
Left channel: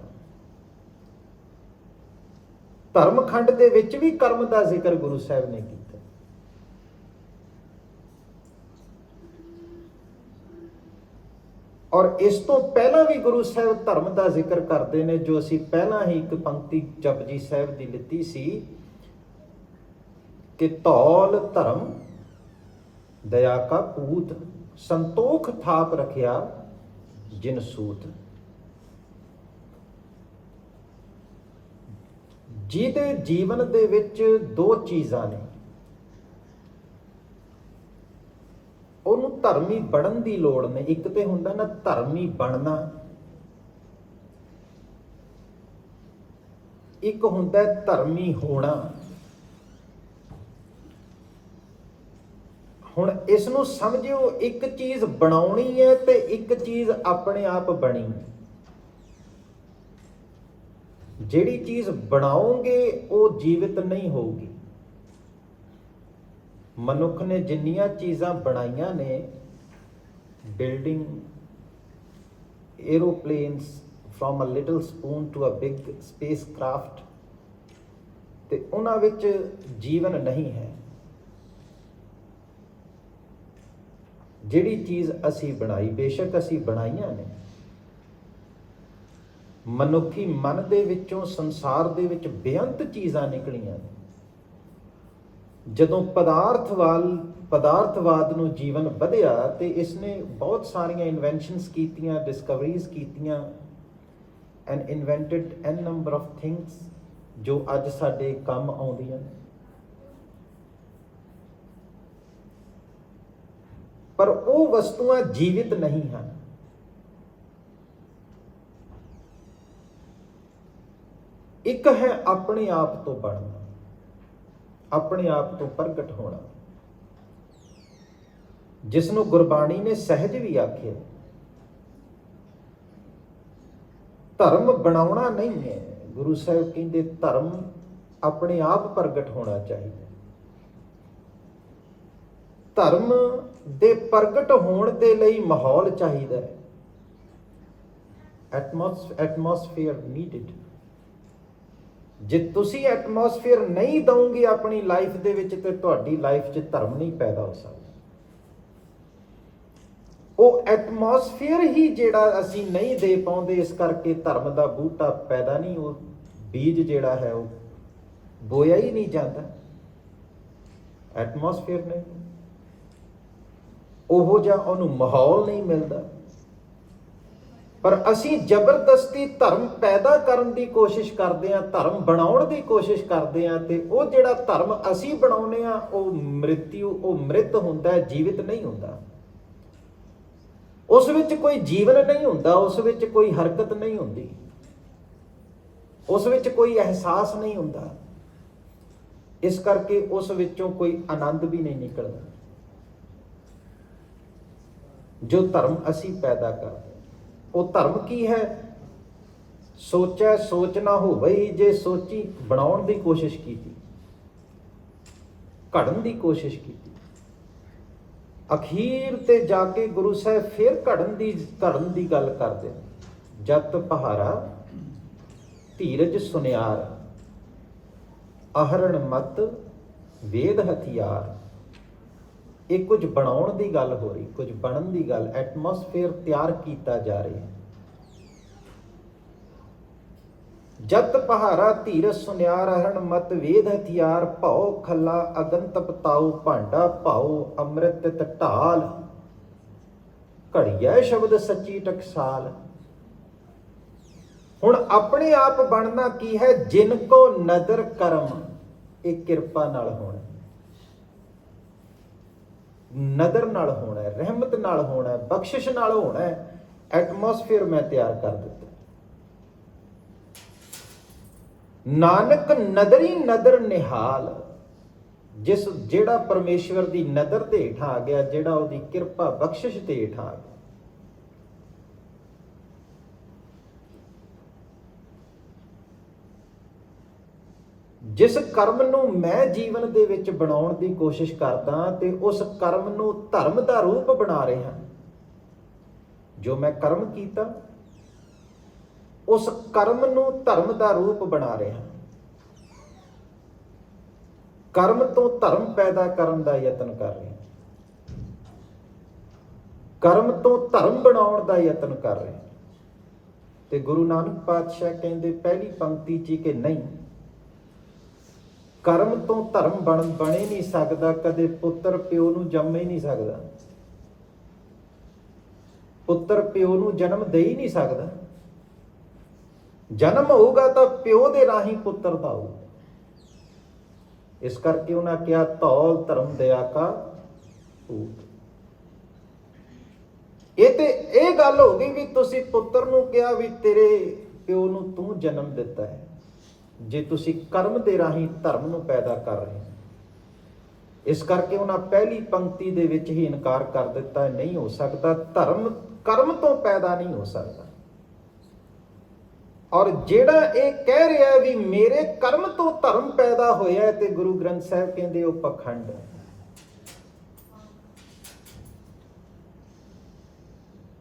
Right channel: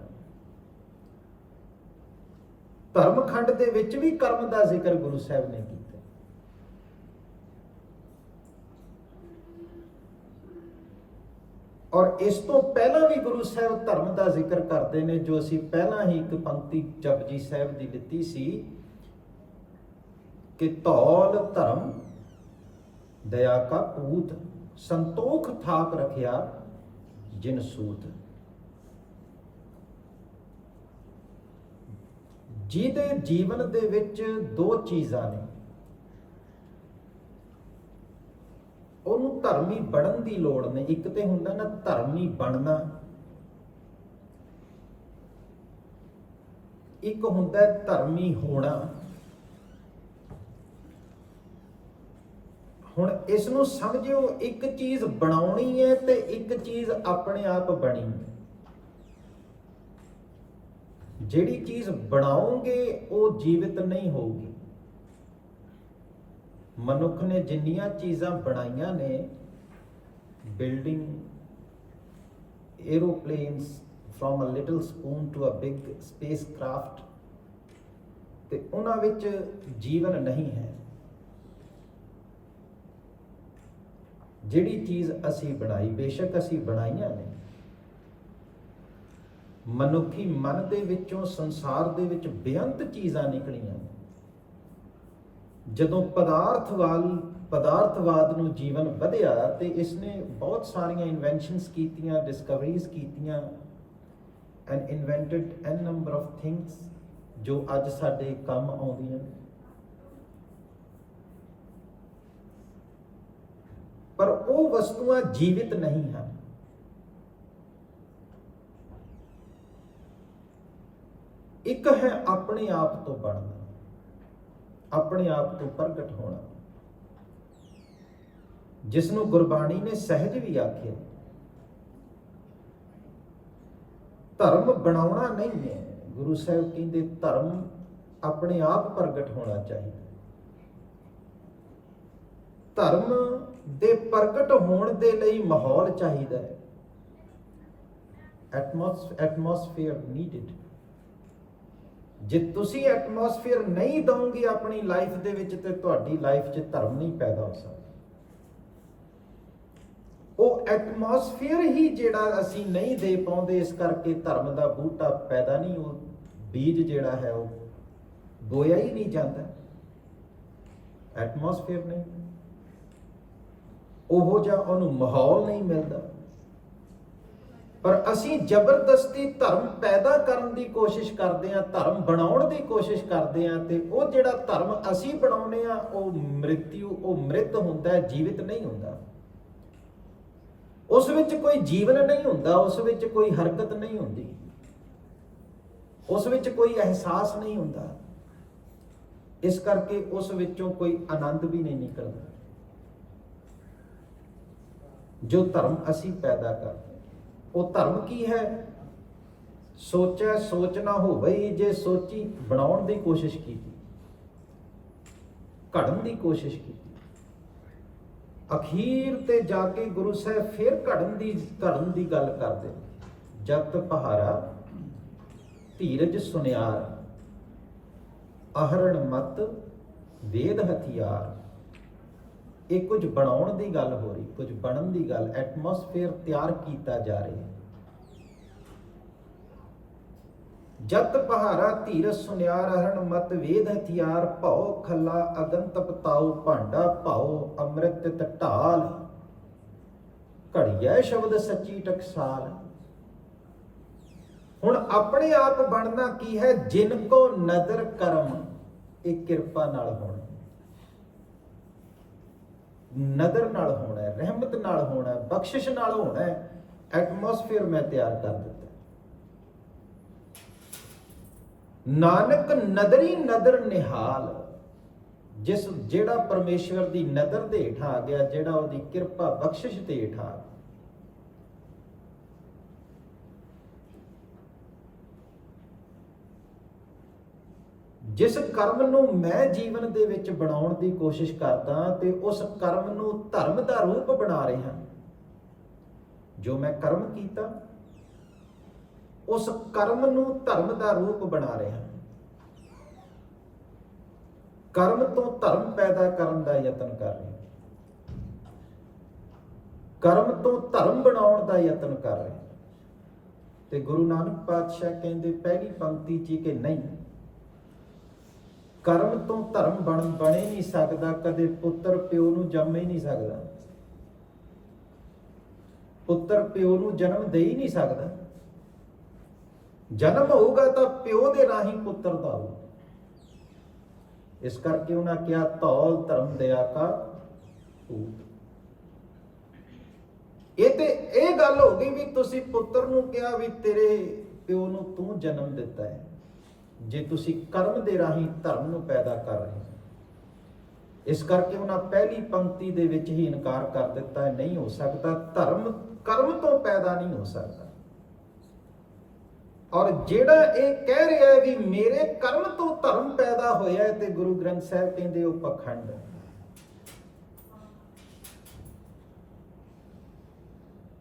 ਧਰਮਖੰਡ ਦੇ ਵਿੱਚ ਵੀ ਕਰਮ ਦਾ ਜ਼ਿਕਰ ਗੁਰੂ ਸਾਹਿਬ ਨੇ ਕੀਤਾ। ਔਰ ਇਸ ਤੋਂ ਪਹਿਲਾਂ ਵੀ ਗੁਰੂ ਸਾਹਿਬ ਧਰਮ ਦਾ ਜ਼ਿਕਰ ਕਰਦੇ ਨੇ, ਜੋ ਅਸੀਂ ਪਹਿਲਾਂ ਹੀ ਇੱਕ ਪੰਕਤੀ ਜਪਜੀ ਸਾਹਿਬ ਦੀ ਲਿੱਤੀ ਸੀ ਕਿ ਧੌਲ ਧਰਮ ਦਇਆ ਕਾ ਪੂਤ, ਸੰਤੋਖ ਥਾਪ ਰਖਿਆ ਜਿਨ ਸੂਤ। ਜਿਹਦੇ ਜੀਵਨ ਦੇ ਵਿੱਚ 2 ਚੀਜ਼ਾਂ ਨੇ, ਉਹਨੂੰ ਧਰਮੀ ਬਣਨ ਦੀ ਲੋੜ ਨਹੀਂ। ਇੱਕ ਤੇ ਹੁੰਦਾ ਨਾ ਧਰਮੀ ਬਣਨਾ, ਇੱਕ ਹੁੰਦਾ ਧਰਮੀ ਹੋਣਾ। ਹੁਣ ਇਸ ਨੂੰ ਸਮਝਿਓ, ਇੱਕ ਚੀਜ਼ ਬਣਾਉਣੀ ਹੈ ਤੇ ਇੱਕ ਚੀਜ਼ ਆਪਣੇ ਆਪ ਬਣੀ। ਜਿਹੜੀ ਚੀਜ਼ ਬਣਾਓਗੇ ਉਹ ਜੀਵਿਤ ਨਹੀਂ ਹੋਊਗੀ। ਮਨੁੱਖ ਨੇ ਜਿੰਨੀਆਂ ਚੀਜ਼ਾਂ ਬਣਾਈਆਂ ਨੇ, building, aeroplanes, from a little spoon to a big spacecraft, ਤੇ ਉਹਨਾਂ ਵਿੱਚ ਜੀਵਨ ਨਹੀਂ ਹੈ। ਜਿਹੜੀ ਚੀਜ਼ ਅਸੀਂ ਬਣਾਈ, ਬੇਸ਼ੱਕ ਅਸੀਂ ਬਣਾਈਆਂ ਨੇ, ਮਨੁੱਖੀ ਮਨ ਦੇ ਵਿੱਚੋਂ, ਸੰਸਾਰ ਦੇ ਵਿੱਚ ਬੇਅੰਤ ਚੀਜ਼ਾਂ ਨਿਕਲੀਆਂ ਨੇ। ਜਦੋਂ ਪਦਾਰਥਵਾਦ ਨੂੰ ਜੀਵਨ ਵਧਿਆ ਤੇ ਇਸਨੇ ਬਹੁਤ ਸਾਰੀਆਂ ਇਨਵੈਂਸ਼ਨਸ ਕੀਤੀਆਂ, ਡਿਸਕਵਰੀਜ਼ ਕੀਤੀਆਂ, and invented an number of things ਜੋ ਅੱਜ ਸਾਡੇ ਕੰਮ ਆਉਂਦੀਆਂ ਨੇ। ਪਰ ਉਹ ਵਸਤੂਆਂ ਜੀਵਿਤ ਨਹੀਂ ਹਨ। ਇੱਕ ਹੈ ਆਪਣੇ ਆਪ ਤੋਂ ਬਣਨਾ, ਆਪਣੇ ਆਪ ਤੋਂ ਪ੍ਰਗਟ ਹੋਣਾ, ਜਿਸ ਨੂੰ ਗੁਰਬਾਣੀ ਨੇ ਸਹਿਜ ਵੀ ਆਖਿਆ। ਧਰਮ ਬਣਾਉਣਾ ਨਹੀਂ ਹੈ। ਗੁਰੂ ਸਾਹਿਬ ਕਹਿੰਦੇ ਧਰਮ ਆਪਣੇ ਆਪ ਪ੍ਰਗਟ ਹੋਣਾ ਚਾਹੀਦਾ। ਧਰਮ ਦੇ ਪ੍ਰਗਟ ਹੋਣ ਦੇ ਲਈ ਮਾਹੌਲ ਚਾਹੀਦਾ ਹੈ, ਐਟਮੋਸਫੇਅਰ ਨੀਡਡ। ਜੇ ਤੁਸੀਂ ਐਟਮੋਸਫੇਅਰ ਨਹੀਂ ਦਵੋਗੇ ਆਪਣੀ ਲਾਈਫ ਦੇ ਵਿੱਚ, ਤੇ ਤੁਹਾਡੀ ਲਾਈਫ 'ਚ ਧਰਮ ਨਹੀਂ ਪੈਦਾ ਹੋ ਸਕਦਾ। ਉਹ ਐਟਮੋਸਫੇਅਰ ਹੀ ਜਿਹੜਾ ਅਸੀਂ ਨਹੀਂ ਦੇ ਪਾਉਂਦੇ, ਇਸ ਕਰਕੇ ਧਰਮ ਦਾ ਬੂਟਾ ਪੈਦਾ ਨਹੀਂ, ਉਹ ਬੀਜ ਜਿਹੜਾ ਹੈ ਉਹ ਬੋਇਆ ਹੀ ਨਹੀਂ ਜਾਂਦਾ, ਐਟਮੋਸਫੇਅਰ ਨਹੀਂ, ਉਹੋ ਜਿਹਾ ਉਹਨੂੰ ਮਾਹੌਲ ਨਹੀਂ ਮਿਲਦਾ। ਪਰ ਅਸੀਂ ਜ਼ਬਰਦਸਤੀ ਧਰਮ ਪੈਦਾ ਕਰਨ ਦੀ ਕੋਸ਼ਿਸ਼ ਕਰਦੇ ਹਾਂ, ਧਰਮ ਬਣਾਉਣ ਦੀ ਕੋਸ਼ਿਸ਼ ਕਰਦੇ ਹਾਂ, ਤੇ ਉਹ ਜਿਹੜਾ ਧਰਮ ਅਸੀਂ ਬਣਾਉਂਦੇ ਹਾਂ ਉਹ ਮ੍ਰਿਤ ਹੁੰਦਾ ਹੈ, ਜੀਵਿਤ ਨਹੀਂ ਹੁੰਦਾ। ਉਸ ਵਿੱਚ ਕੋਈ ਜੀਵਨ ਨਹੀਂ ਹੁੰਦਾ, ਉਸ ਵਿੱਚ ਕੋਈ ਹਰਕਤ ਨਹੀਂ ਹੁੰਦੀ, ਉਸ ਵਿੱਚ ਕੋਈ ਅਹਿਸਾਸ ਨਹੀਂ ਹੁੰਦਾ। ਇਸ ਕਰਕੇ ਉਸ ਵਿੱਚੋਂ ਕੋਈ ਆਨੰਦ ਵੀ ਨਹੀਂ ਨਿਕਲਦਾ। ਜੋ ਧਰਮ ਅਸੀਂ ਪੈਦਾ ਕਰਦੇ, ਉਹ ਧਰਮ ਕੀ ਹੈ? ਸੋਚੈ ਸੋਚ ਨਾ ਹੋਵੇ, ਜੇ ਸੋਚੀ ਬਣਾਉਣ ਦੀ ਕੋਸ਼ਿਸ਼ ਕੀਤੀ, ਘੜਨ ਦੀ ਕੋਸ਼ਿਸ਼ ਕੀਤੀ, ਅਖੀਰ ਤੇ ਜਾ ਕੇ ਗੁਰੂ ਸਾਹਿਬ ਫਿਰ ਘੜਨ ਦੀ ਗੱਲ ਕਰਦੇ। ਜਤ ਪਹਾਰਾ ਧੀਰਜ ਸੁਨਿਆਰ, ਅਹਰਣ ਮਤ ਵੇਦ ਹਥਿਆਰ। ਇਹ ਕੁਝ ਬਣਾਉਣ ਦੀ ਗੱਲ ਹੋ ਰਹੀ, ਕੁਝ ਬਣਨ ਦੀ ਗੱਲ, ਐਟਮੋਸਫੇਅਰ ਤਿਆਰ ਕੀਤਾ ਜਾ ਰਿਹਾ। ਜਤ ਪਹਾਰਾ ਧੀਰਜ ਸੁਨਿਆਰ, ਅਹਰਣ ਮਤ ਵੇਦ ਹਥਿਆਰ। ਭਉ ਖੱਲਾ ਅਗਨ ਤਪਤਾਉ, ਭਾਂਡਾ ਭਾਉ ਅੰਮ੍ਰਿਤ ਤਿਤ ਢਾਲ। ਘੜੀਐ ਸ਼ਬਦ ਸੱਚੀ ਟਕਸਾਲ। ਹੁਣ ਆਪਣੇ ਆਪ ਬਣਨਾ ਕੀ ਹੈ? ਜਿਨ ਕੋ ਨਦਰ ਕਰਮ, ਇਹ ਕਿਰਪਾ ਨਾਲ ਹੋਣਾ, ਨਦਰ ਨਾਲ ਹੋਣਾ, ਰਹਿਮਤ ਨਾਲ ਹੋਣਾ, ਬਖਸ਼ਿਸ਼ ਨਾਲ ਹੋਣਾ। ਐਟਮੋਸਫੇਅਰ ਮੈਂ ਤਿਆਰ ਕਰ ਦਿੱਤਾ। ਨਾਨਕ ਨਦਰੀ ਨਦਰ ਨਿਹਾਲ। ਜਿਹੜਾ ਪਰਮੇਸ਼ਵਰ ਦੀ ਨਦਰ ਦੇ ਹੇਠ ਆ ਗਿਆ, ਜਿਹੜਾ ਉਹਦੀ ਕਿਰਪਾ ਬਖਸ਼ਿਸ਼ ਦੇ ਹੇਠ ਆ ਗਿਆ। ਜਿਸ ਕਰਮ ਨੂੰ ਮੈਂ ਜੀਵਨ ਦੇ ਵਿੱਚ ਬਣਾਉਣ ਦੀ ਕੋਸ਼ਿਸ਼ ਕਰਦਾ, ਤੇ ਉਸ ਕਰਮ ਨੂੰ ਧਰਮ ਦਾ ਰੂਪ ਬਣਾ ਰਿਹਾ। ਜੋ ਮੈਂ ਕਰਮ ਕੀਤਾ, ਉਸ ਕਰਮ ਨੂੰ ਧਰਮ ਦਾ ਰੂਪ ਬਣਾ ਰਿਹਾ। ਕਰਮ ਤੋਂ ਧਰਮ ਪੈਦਾ ਕਰਨ ਦਾ ਯਤਨ ਕਰ ਰਿਹਾ, ਕਰਮ ਤੋਂ ਧਰਮ ਬਣਾਉਣ ਦਾ ਯਤਨ ਕਰ ਰਿਹਾ। ਤੇ ਗੁਰੂ ਨਾਨਕ ਪਾਤਸ਼ਾਹ ਕਹਿੰਦੇ ਪਹਿਲੀ ਪੰਕਤੀ 'ਚ ਕਿ ਨਹੀਂ, ਕਰਮ ਤੋਂ ਧਰਮ ਬਣੇ ਨਹੀਂ ਸਕਦਾ। ਕਦੇ ਪੁੱਤਰ ਪਿਓ ਨੂੰ ਜੰਮ ਹੀ ਨਹੀਂ ਸਕਦਾ, ਪੁੱਤਰ ਪਿਓ ਨੂੰ ਜਨਮ ਦੇ ਹੀ ਨਹੀਂ ਸਕਦਾ। ਜਨਮ ਹੋਊਗਾ ਤਾਂ ਪਿਓ ਦੇ ਰਾਹੀਂ ਪੁੱਤਰ ਦਾ ਹੋਊ। ਇਸ ਕਰਕੇ ਉਹਨਾਂ ਕਿਹਾ ਧੌਲ ਧਰਮ ਦਇਆ ਕਾ ਪੂਤ। ਇਹ ਗੱਲ ਹੋ ਗਈ ਵੀ ਤੁਸੀਂ ਪੁੱਤਰ ਨੂੰ ਕਿਹਾ ਵੀ ਤੇਰੇ ਪਿਓ ਨੂੰ ਤੂੰ ਜਨਮ ਦਿੱਤਾ ਹੈ, ਜੇ ਤੁਸੀਂ ਕਰਮ ਦੇ ਰਾਹੀਂ ਧਰਮ ਨੂੰ ਪੈਦਾ ਕਰ ਰਹੇ ਹੋ। ਇਸ ਕਰਕੇ ਉਹਨਾਂ ਪਹਿਲੀ ਪੰਕਤੀ ਦੇ ਵਿੱਚ ਹੀ ਇਨਕਾਰ ਕਰ ਦਿੱਤਾ, ਨਹੀਂ ਹੋ ਸਕਦਾ। ਧਰਮ ਕਰਮ ਤੋਂ ਪੈਦਾ ਨਹੀਂ ਹੋ ਸਕਦਾ। ਔਰ ਜਿਹੜਾ ਇਹ ਕਹਿ ਰਿਹਾ ਵੀ ਮੇਰੇ ਕਰਮ ਤੋਂ ਧਰਮ ਪੈਦਾ ਹੋਇਆ ਹੈ, ਤੇ ਗੁਰੂ ਗ੍ਰੰਥ ਸਾਹਿਬ ਕਹਿੰਦੇ ਉਹ ਪਖੰਡ ਹੈ।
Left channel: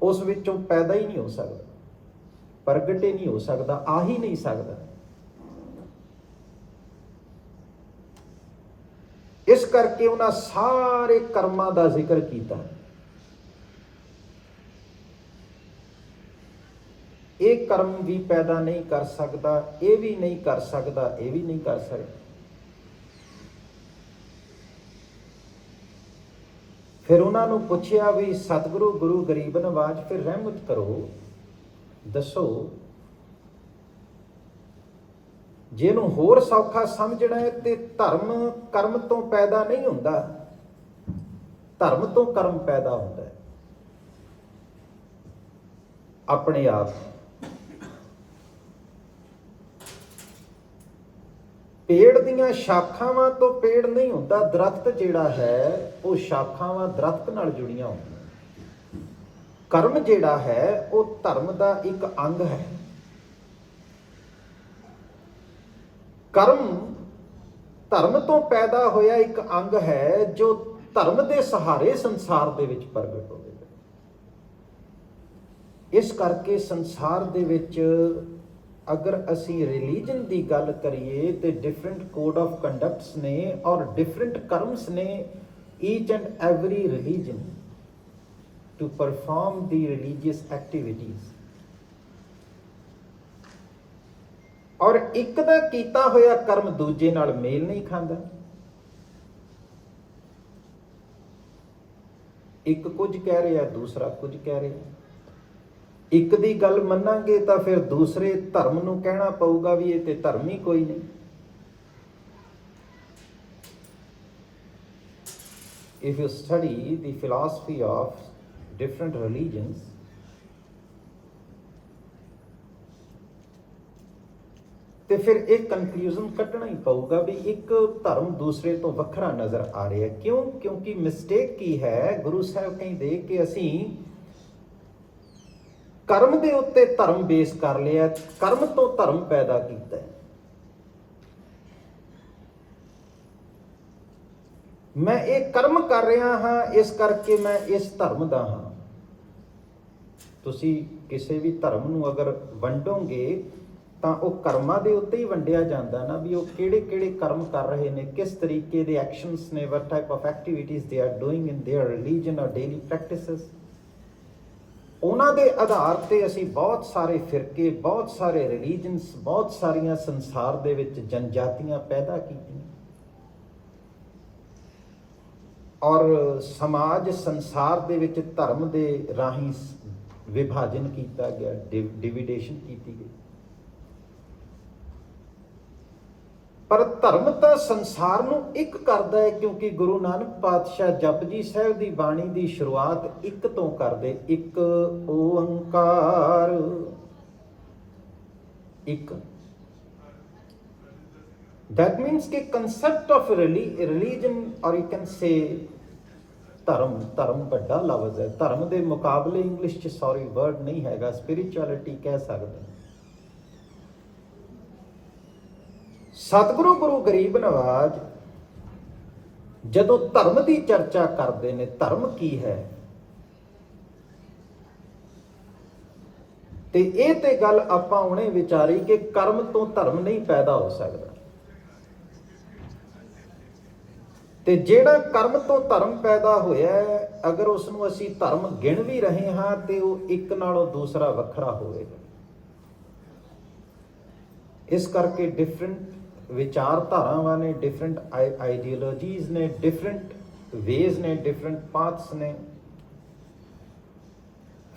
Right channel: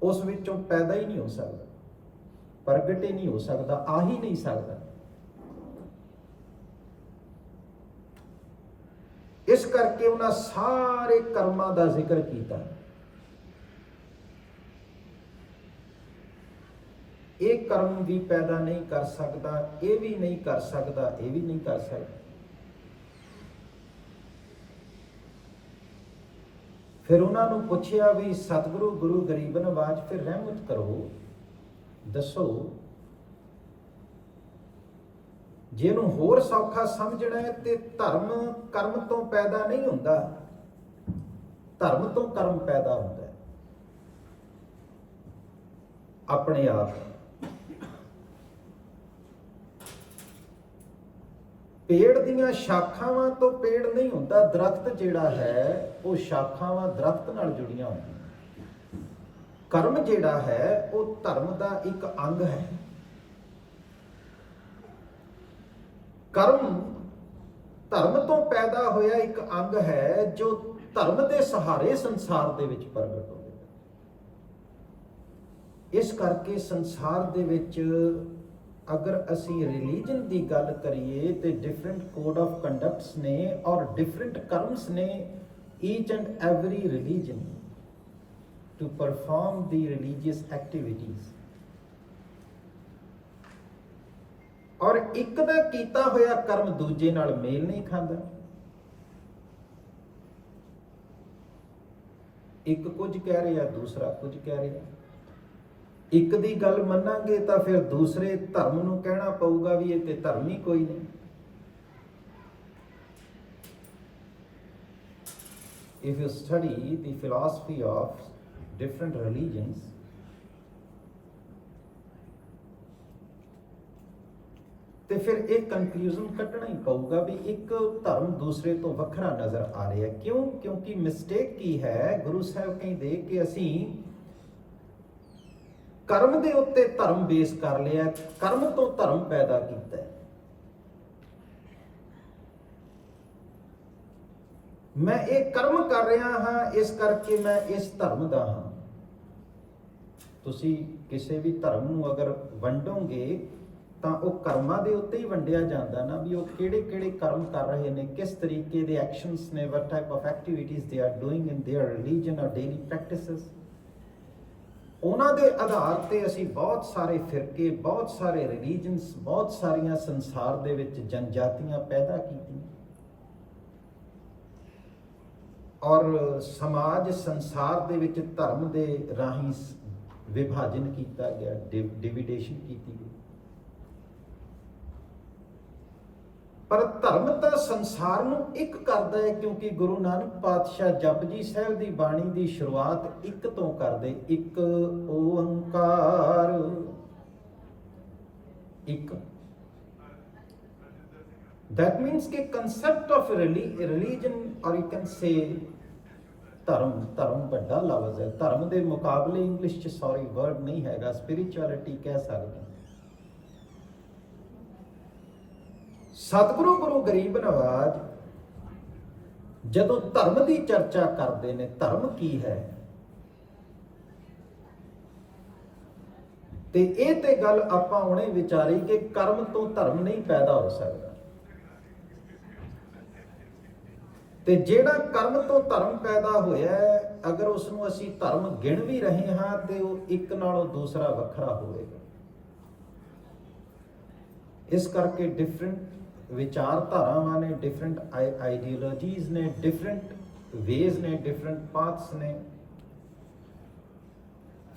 ਉਸ ਵਿੱਚੋਂ ਪੈਦਾ ਹੀ ਨਹੀਂ ਹੋ ਸਕਦਾ, ਪ੍ਰਗਟ ਹੀ ਨਹੀਂ ਹੋ ਸਕਦਾ, ਆ ਹੀ ਨਹੀਂ ਸਕਦਾ। ਇਸ ਕਰਕੇ ਉਹਨਾਂ ਸਾਰੇ ਕਰਮਾਂ ਦਾ ਜ਼ਿਕਰ ਕੀਤਾ। ਇਹ ਕਰਮ ਵੀ ਪੈਦਾ ਨਹੀਂ ਕਰ ਸਕਦਾ, ਇਹ ਵੀ ਨਹੀਂ ਕਰ ਸਕਦਾ, ਇਹ ਵੀ ਨਹੀਂ ਕਰ ਸਕਦਾ। ਫਿਰ ਉਹਨਾਂ ਨੂੰ ਪੁੱਛਿਆ ਵੀ ਸਤਿਗੁਰੂ ਗੁਰੂ ਗਰੀਬ ਨਵਾਜ, ਫਿਰ ਰਹਿਮਤ ਕਰੋ, ਦੱਸੋ ਜੇ ਇਹਨੂੰ ਹੋਰ ਸੌਖਾ ਸਮਝਣਾ ਹੈ ਤੇ ਧਰਮ ਕਰਮ ਤੋਂ ਪੈਦਾ ਨਹੀਂ ਹੁੰਦਾ, ਧਰਮ ਤੋਂ ਕਰਮ ਪੈਦਾ ਹੁੰਦਾ ਹੈ ਆਪਣੇ ਆਪ। ਪੇੜ ਦੀਆਂ ਸ਼ਾਖਾਵਾਂ ਤੋਂ ਪੇੜ ਨਹੀਂ ਹੁੰਦਾ। ਦਰਖਤ ਜਿਹੜਾ ਹੈ ਉਹ ਸ਼ਾਖਾਵਾਂ ਦਰਖਤ ਨਾਲ ਜੁੜੀਆਂ ਹੁੰਦੀਆਂ। ਕਰਮ ਜਿਹੜਾ ਹੈ ਉਹ ਧਰਮ ਦਾ ਇੱਕ ਅੰਗ ਹੈ। ਕਰਮ ਧਰਮ ਤੋਂ ਪੈਦਾ ਹੋਇਆ ਇੱਕ ਅੰਗ ਹੈ ਜੋ ਧਰਮ ਦੇ ਸਹਾਰੇ ਸੰਸਾਰ ਦੇ ਵਿੱਚ ਪ੍ਰਗਟ ਹੋਵੇਗਾ। ਇਸ ਕਰਕੇ ਸੰਸਾਰ ਦੇ ਵਿੱਚ ਅਗਰ ਅਸੀਂ ਰਿਲੀਜਨ ਦੀ ਗੱਲ ਕਰੀਏ ਤੇ ਡਿਫਰੈਂਟ ਕੋਡ ਆਫ ਕੰਡਕਟਸ ਨੇ ਔਰ ਡਿਫਰੈਂਟ ਕਰਮਸ ਨੇ each and every religion to perform the religious activities. ਔਰ ਇੱਕ ਦਾ ਕੀਤਾ ਹੋਇਆ ਕਰਮ ਦੂਜੇ ਨਾਲ ਮੇਲ ਨਹੀਂ ਖਾਂਦਾ। ਇੱਕ ਕੁਝ ਕਹਿ ਰਿਹਾ, ਦੂਸਰਾ ਕੁਝ ਕਹਿ ਰਿਹਾ। ਇੱਕ ਦੀ ਗੱਲ ਮੰਨਾਂਗੇ ਤਾਂ ਫਿਰ ਦੂਸਰੇ ਧਰਮ ਨੂੰ ਕਹਿਣਾ ਪਊਗਾ ਵੀ ਇਹ ਤੇ ਧਰਮ ਹੀ ਕੋਈ ਨਹੀਂ। If you study the philosophy of different religions, ਤੇ ਫਿਰ ਇਹ ਕਨਕਲੂਜਨ ਕੱਢਣਾ ਹੀ ਪਊਗਾ ਵੀ ਇੱਕ ਧਰਮ ਦੂਸਰੇ ਤੋਂ ਵੱਖਰਾ ਨਜ਼ਰ ਆ ਰਿਹਾ। ਕਿਉਂ? ਕਿਉਂਕਿ ਮਿਸਟੇਕ ਕੀ ਹੈ, ਗੁਰੂ ਸਾਹਿਬ ਕਹਿੰਦੇ ਕਿ ਅਸੀਂ ਕਰਮ ਦੇ ਉੱਤੇ ਧਰਮ ਬੇਸ ਕਰ ਲਿਆ, ਕਰਮ ਤੋਂ ਧਰਮ ਪੈਦਾ ਕੀਤਾ। ਮੈਂ ਇਹ ਕਰਮ ਕਰ ਰਿਹਾ ਹਾਂ, ਇਸ ਕਰਕੇ ਮੈਂ ਇਸ ਧਰਮ ਦਾ ਹਾਂ। ਤੁਸੀਂ ਕਿਸੇ ਵੀ ਧਰਮ ਨੂੰ ਅਗਰ ਵੰਡੋਗੇ ਤਾਂ ਉਹ ਕਰਮਾਂ ਦੇ ਉੱਤੇ ਹੀ ਵੰਡਿਆ ਜਾਂਦਾ ਨਾ, ਵੀ ਉਹ ਕਿਹੜੇ ਕਿਹੜੇ ਕਰਮ ਕਰ ਰਹੇ ਨੇ, ਕਿਸ ਤਰੀਕੇ ਦੇ ਐਕਸ਼ਨਸ ਨੇ, what type of activities they are doing in their religion or daily practices। ਉਹਨਾਂ ਦੇ ਆਧਾਰ ਤੇ ਅਸੀਂ ਬਹੁਤ ਸਾਰੇ ਫਿਰਕੇ, ਬਹੁਤ ਸਾਰੇ ਰਿਲੀਜਨਸ, ਬਹੁਤ ਸਾਰੀਆਂ ਸੰਸਾਰ ਦੇ ਵਿੱਚ ਜਨਜਾਤੀਆਂ ਪੈਦਾ ਕੀਤੀਆਂ। ਔਰ ਸਮਾਜ ਸੰਸਾਰ ਦੇ ਵਿੱਚ ਧਰਮ ਦੇ ਰਾਹੀਂ ਵਿਭਾਜਨ ਕੀਤਾ ਗਿਆ, ਡਿਵੀਡੇਸ਼ਨ ਕੀਤੀ ਗਈ। ਪਰ ਧਰਮ ਤਾਂ ਸੰਸਾਰ ਨੂੰ ਇੱਕ ਕਰਦਾ ਹੈ, ਕਿਉਂਕਿ ਗੁਰੂ ਨਾਨਕ ਪਾਤਸ਼ਾਹ ਜਪਜੀ ਸਾਹਿਬ ਦੀ ਬਾਣੀ ਦੀ ਸ਼ੁਰੂਆਤ ਇੱਕ ਤੋਂ ਕਰਦੇ, ਇੱਕ ਓੰਕਾਰ। ਇੱਕ that means ਕਿ concept of religion, or you can say ਧਰਮ ਵੱਡਾ ਲਫ਼ਜ਼ ਹੈ। ਧਰਮ ਦੇ ਮੁਕਾਬਲੇ ਇੰਗਲਿਸ਼ 'ਚ ਵਰਡ ਨਹੀਂ ਹੈਗਾ, ਸਪਿਰਿਚੁਅਲਿਟੀ ਕਹਿ ਸਕਦੇ। ਸਤਿਗੁਰੂ ਗੁਰੂ ਗਰੀਬ ਨਵਾਜ ਜਦੋਂ ਧਰਮ ਦੀ ਚਰਚਾ ਕਰਦੇ ਨੇ, ਧਰਮ ਕੀ ਹੈ, ਤੇ ਇਹ ਤੇ ਗੱਲ ਆਪਾਂ ਹੁਣੇ ਵਿਚਾਰੀ ਕਿ ਕਰਮ ਤੋਂ ਧਰਮ ਨਹੀਂ ਪੈਦਾ ਹੋ ਸਕਦਾ। ਤੇ ਜਿਹੜਾ ਕਰਮ ਤੋਂ ਧਰਮ ਪੈਦਾ ਹੋਇਆ ਹੈ, ਅਗਰ ਉਸ ਨੂੰ ਅਸੀਂ ਧਰਮ ਗਿਣ ਵੀ ਰਹੇ ਹਾਂ ਤੇ ਉਹ ਇੱਕ ਨਾਲੋਂ ਦੂਸਰਾ ਵੱਖਰਾ ਹੋਵੇਗਾ। ਇਸ ਕਰਕੇ ਡਿਫਰੈਂਟ ਵਿਚਾਰਧਾਰਾਵਾਂ ਨੇ, ਡਿਫਰੈਂਟ ਆਈਡੀਓਲੋਜੀਜ਼ ਨੇ, ਡਿਫਰੈਂਟ ਵੇਜ਼ ਨੇ, ਡਿਫਰੈਂਟ ਪਾਥਸ ਨੇ।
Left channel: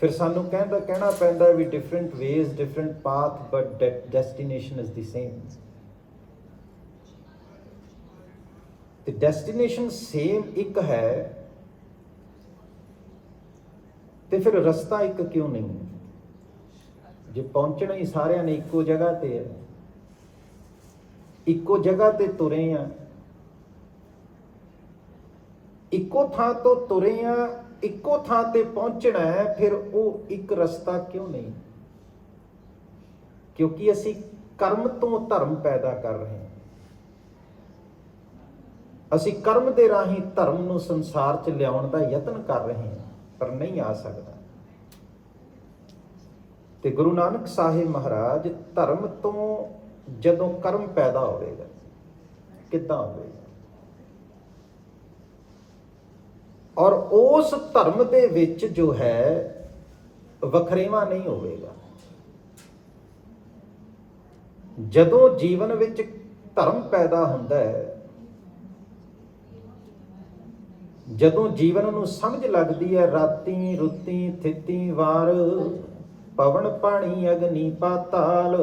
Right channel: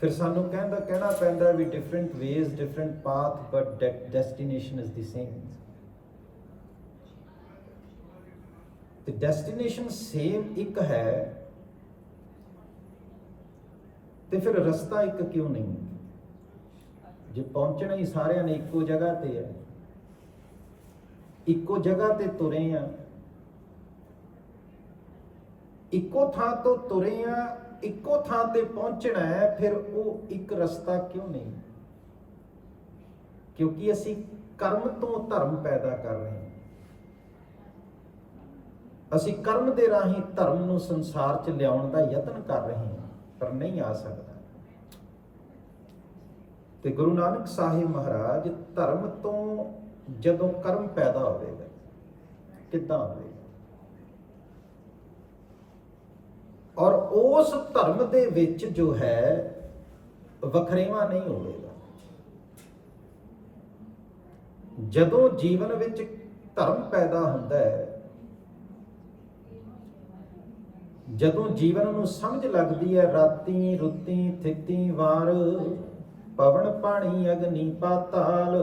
ਫਿਰ ਸਾਨੂੰ ਕਹਿਣਾ ਪੈਂਦਾ ਵੀ different ways, different path, but destination is the same. ਤੇ ਡੈਸਟੀਨੇਸ਼ਨ ਸੇਮ ਇੱਕ ਹੈ ਤੇ ਫਿਰ ਰਸਤਾ ਇੱਕ ਕਿਉਂ ਨਹੀਂ? ਜੇ ਪਹੁੰਚਣਾ ਹੀ ਸਾਰਿਆਂ ਨੇ ਇੱਕੋ ਜਗ੍ਹਾ ਤੇ ਹੈ, ਇੱਕੋ ਜਗ੍ਹਾ ਤੇ ਤੁਰੇ ਆ, ਇੱਕੋ ਥਾਂ ਤੋਂ ਤੁਰੇ ਆ, ਇੱਕੋ ਥਾਂ ਤੇ ਪਹੁੰਚਣਾ ਹੈ, ਫਿਰ ਉਹ ਇੱਕ ਰਸਤਾ ਕਿਉਂ ਨਹੀਂ? ਕਿਉਂਕਿ ਅਸੀਂ ਕਰਮ ਤੋਂ ਧਰਮ ਪੈਦਾ ਕਰ ਰਹੇ ਹਾਂ। ਅਸੀਂ ਕਰਮ ਦੇ ਰਾਹੀਂ ਧਰਮ ਨੂੰ ਸੰਸਾਰ 'ਚ ਲਿਆਉਣ ਦਾ ਯਤਨ ਕਰ ਰਹੇ ਹਾਂ, ਪਰ ਨਹੀਂ ਆ ਸਕਦਾ। ਤੇ ਗੁਰੂ ਨਾਨਕ ਸਾਹਿਬ ਮਹਾਰਾਜ ਧਰਮ ਤੋਂ ਜਦੋਂ ਕਰਮ ਪੈਦਾ ਹੋਵੇਗਾ, ਕਿੱਦਾਂ ਹੋਵੇਗਾ? ਔਰ ਉਸ ਧਰਮ ਦੇ ਵਿੱਚ ਜੋ ਹੈ ਵਖਰੇਵਾਂ ਨਹੀਂ ਹੋਵੇਗਾ। ਜਦੋਂ ਜੀਵਨ ਵਿੱਚ ਧਰਮ ਪੈਦਾ ਹੁੰਦਾ ਹੈ, ਜਦੋਂ ਜੀਵਨ ਨੂੰ ਸਮਝ ਲੱਗਦੀ ਹੈ ਰਾਤੀ ਰੁੱਤੀ ਥਿਤੀ ਵਾਰ, ਪਵਨ ਪਾਣੀ ਅਗਨੀ ਪਾਤਾਲ,